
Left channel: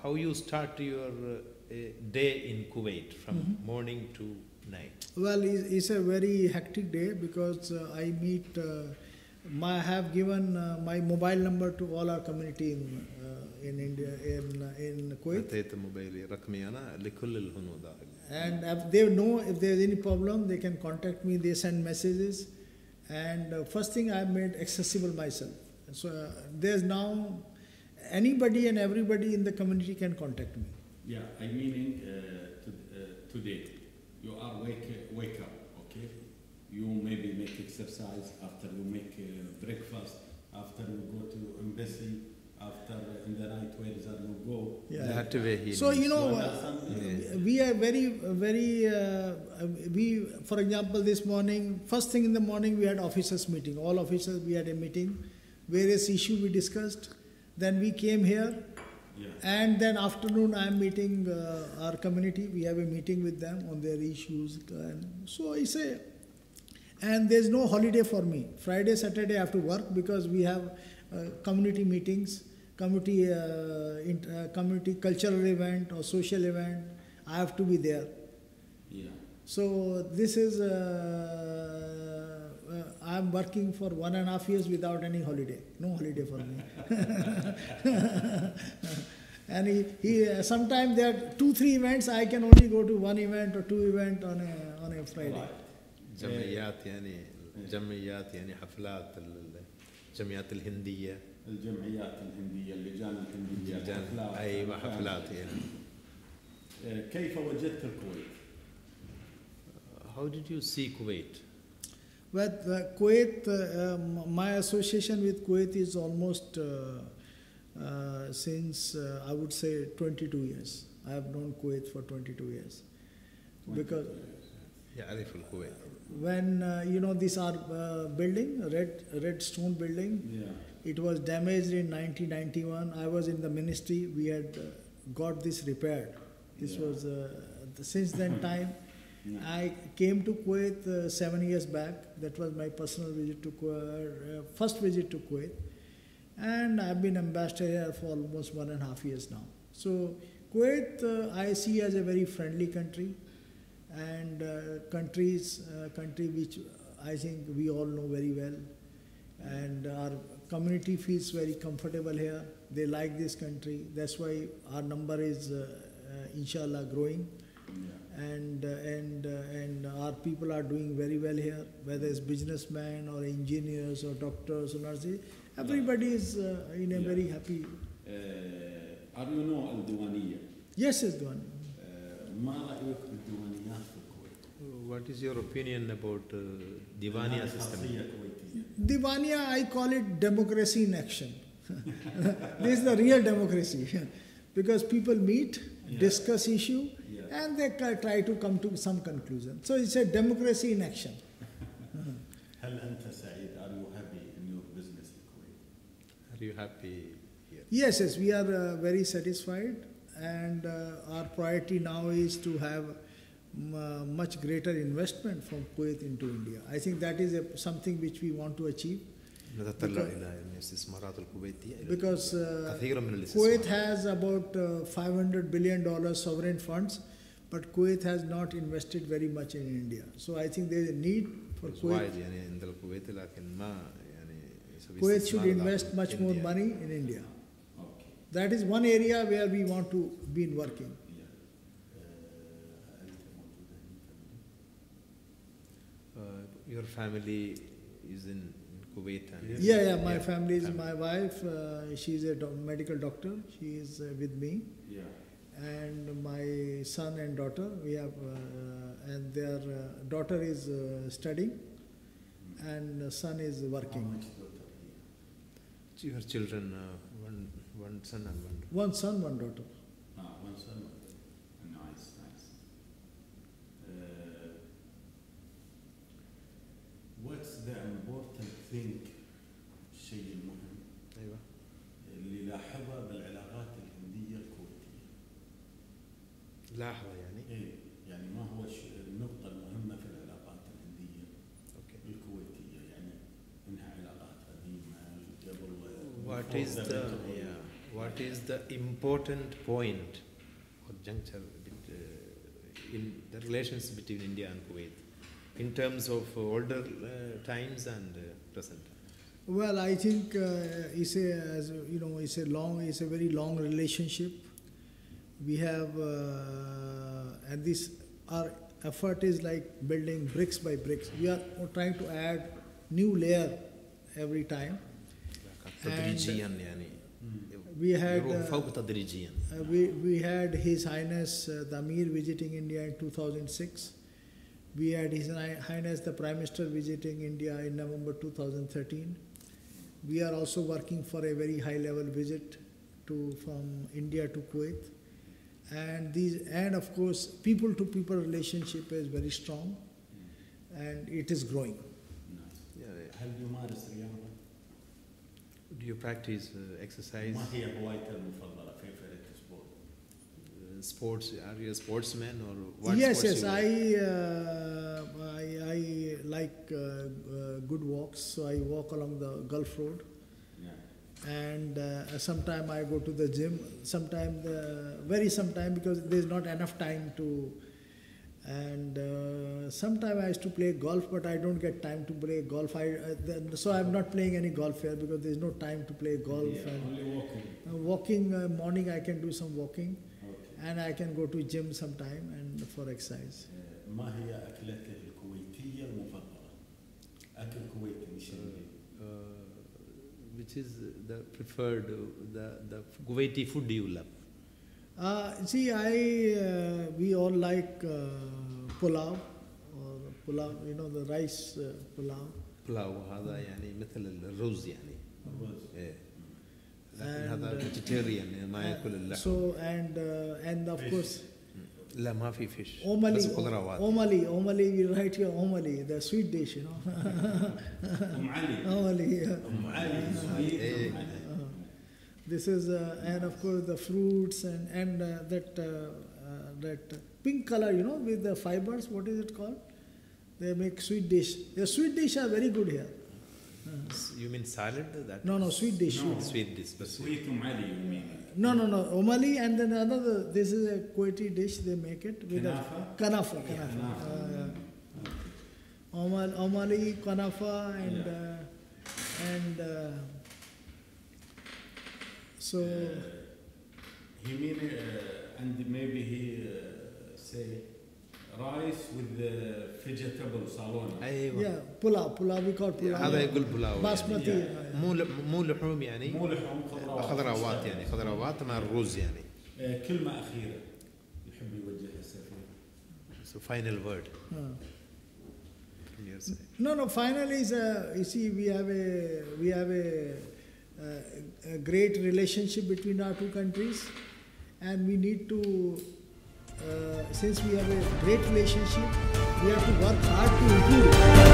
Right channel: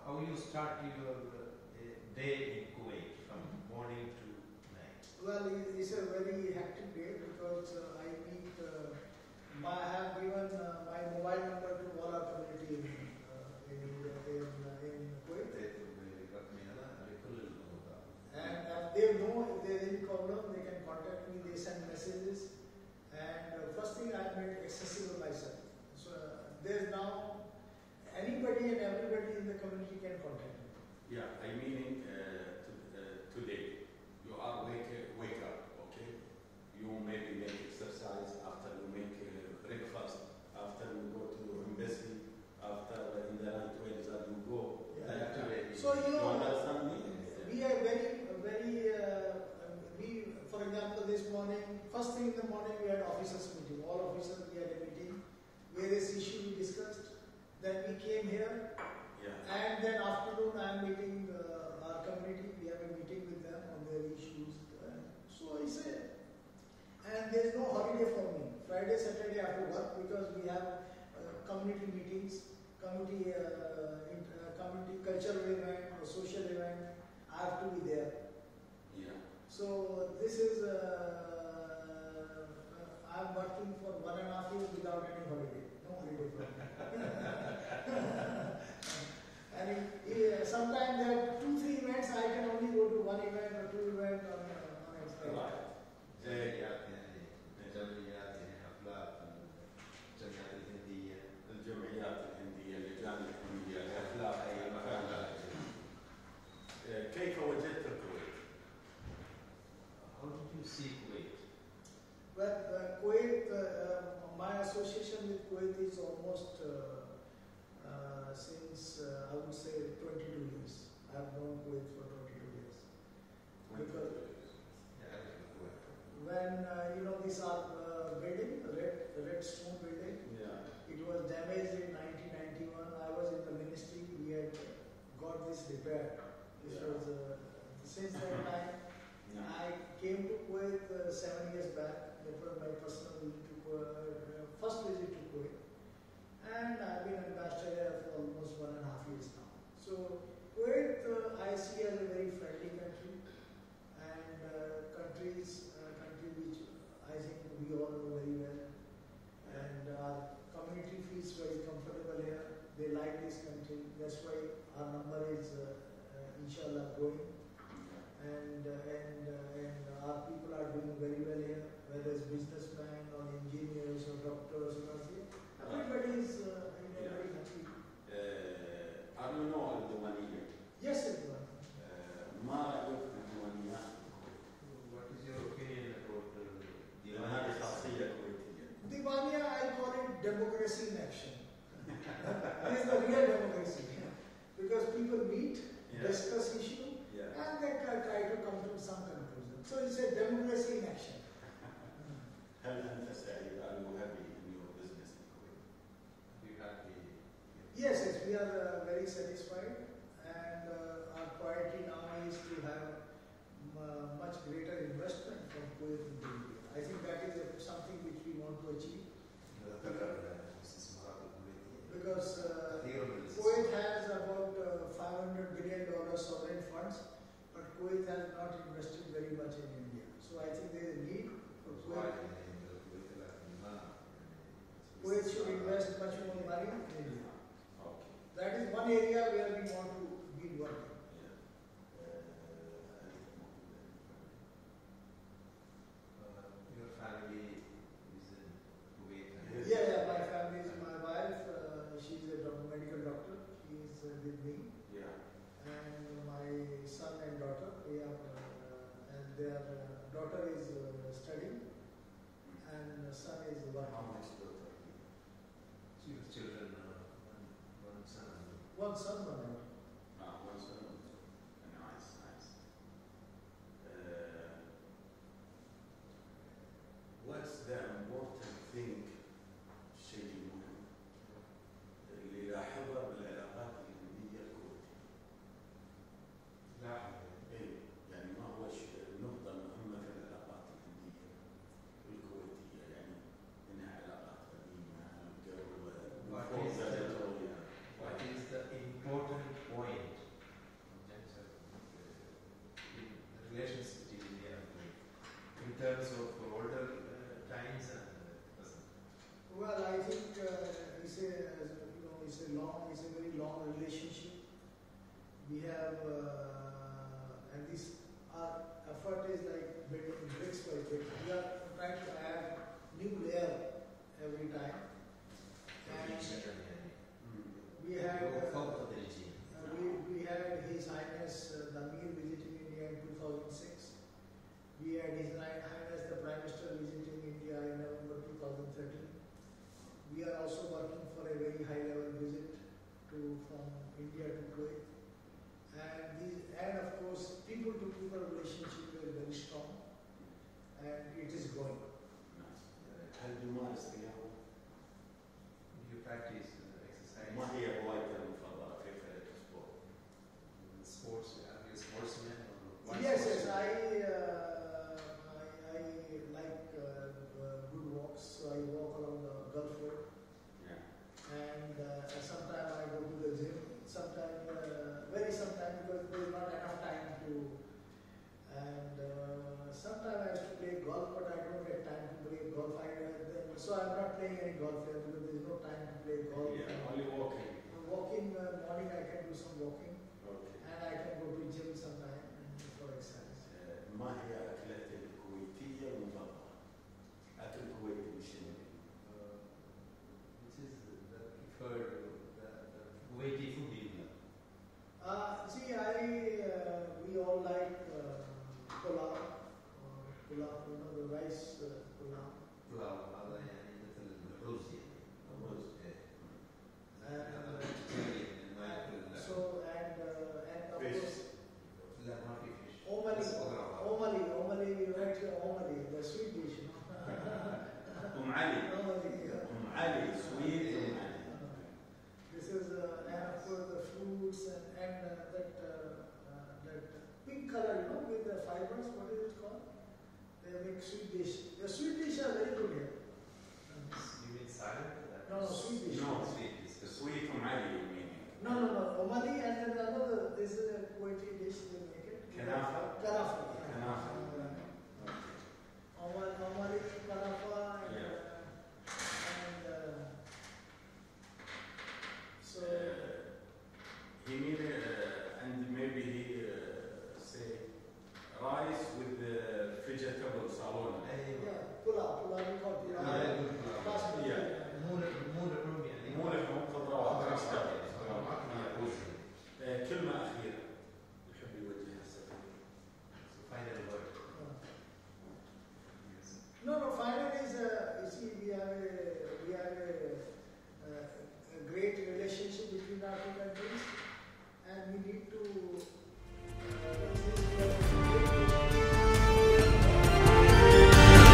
how you start your day in Kuwait from morning to night? Well, it's a very hectic day because I meet. I have given my mobile number to all our community in India in Kuwait. أعطيت موبايلي رقمي أنا لكل الهنود. And if they know if there is any problem, they can contact me. They send messages, and first thing I made accessible myself. So there's now anybody and everybody in the community can contact me. Yeah, I meaning today you are wake up, okay? You maybe make exercise after you make breakfast, after you go to embassy, after in the night where you go. Yeah. So we are we, for example, this morning, first thing in the morning we had officers meeting. All officers, we had a meeting, various issues we discussed. Then we came here, and then afternoon I am meeting our community. We have a meeting with them on their issues. And so I say, and there's no holiday for me. Friday, Saturday I have to work because we have community meetings, community cultural event or social event. I have to be there. So this is, I'm working for 1.5 years without any holiday. No holiday for me. And sometimes there are 2-3 events, I can only go to 1 event or 2 events on a Friday. جمعيات يعني حفلات الجمعيات الهندية. الجمعيات الهندية، اللجان الهندية، أيوة حفلات يعني. كيف وجدت الكويت؟ How did you see Kuwait? Well, Kuwait, my association with Kuwait is almost since I would say 22 years. I have known Kuwait for 22 years. Because يعرف الكويت. when this our building, red stone building, it was damaged in 1991. I was in the ministry. We had got this repaired. This was since then time. I came to Kuwait 7 years back. That was my personal visit to Kuwait, first visit to Kuwait, and I've been ambassador here for almost 1.5 years now. So Kuwait I see as a very friendly country, and country which I think we all know very well, and our community feels very comfortable here. They like this country. That's why our number is inshallah growing, and our people are doing very well here, whether it's businessmen or engineers or doctors or nurses. Everybody is in a very happy. Are you know الديوانية؟ Yes, it's one. ما رأيك بالديوانيات في الكويت؟ What is your opinion about Divania system? Divania, I call it democracy in action. This is the real democracy, because people meet, discuss issue, and they try to come to some conclusion. So it's a democracy in action. هل أنت سعيد؟ Are you happy in your business in Kuwait? Are you happy here? Yes, we are very satisfied, and our priority now is to have much greater investment from Kuwait into India. I think that is something which we want to achieve. Because Kuwait has about $500 billion sovereign funds, but Kuwait has not invested very much in India. So I think there is a need for Kuwait. Kuwait should invest much more money in India. That is one area where we want to be working. Your family is in Kuwait? Yeah, my family is my wife. She's a medical doctor. She is with me. And my son and daughter. We have, and their daughter is studying, and son is working. Your children, one son and one daughter. One son, one daughter. One son, one daughter. Nice. What's the important thing الشيء المهم اللي لاحظه بالعلاقات الهندية الكويتية؟ لاحظه يعني؟ يعني ما هو النقطة المهمة في العلاقات الهندية الكويتية، يعني إنها علاقات قديمة قبل. What is the important point or juncture in the relations between India and Kuwait in terms of older times and present? Well, I think it's a very long relationship. We have, and our effort is like building bricks by bricks. We are trying to add new layer every time. We had His Highness the Amir visiting India in 2006. We had His Highness the Prime Minister visiting India in November 2013. We are also working for a very high level visit from India to Kuwait. and of course, people-to-people relationship is very strong, and it is growing. هل تمارس رياضة؟ Do you practice exercise? ما هي هوايتك المفضلة؟ كيف تسبورت؟ Sports? Are you a sportsman or what? Yes, sports yes, you like? I like good walks, so I walk along the Gulf Road. And sometime I go to the gym, sometime because there's not enough time to, and sometime I used to play golf, but I don't get time to play golf. So I'm not playing any golf here because there's no time to play golf. Yeah, and only walking. Walking, morning I can do some walking, and I can go to gym sometime and for exercise. ما هي أكلتك الكويتية المفضلة؟ أكل كويتي بشنو؟ Which is the preferred, the Kuwaiti food you love? See, we all like pulao, the rice pulao. بلاو هذا يعني مثل الرز يعني. إيه. لكن هذا vegetarian ما يأكل اللحم. So and of course. لا ما في fish. Omali, بس خضروات. Omali, we write here Omali, the sweet dish, you know. Omali, yeah. sweet. This is and of course the fruits and that pink color, you know, with the fibers. What is it called? They make sweet dish. The sweet dish are very good here. You mean salad? That No, sweet dish. No. Sweet dish. Sweet Omali, you mean? No, Omali, and then another. This is a Kuwaiti dish. They make it with kanafa. Omali, kanafa, and so. He mean and maybe he say rice with the vegetable salon. أيوة. Yeah, pulao. We call pulao. هذا يقول بلاو. Basmati. مو لحوم يعني. مو لحوم خضروات يعني خضروات مع الرز يعني. كلمة أخيرة يحب يوجهها السفير. So final word. No. Finally, is you see, we have a great relationship between our two countries, and we need to, since we have a great relationship, we have to work hard to improve.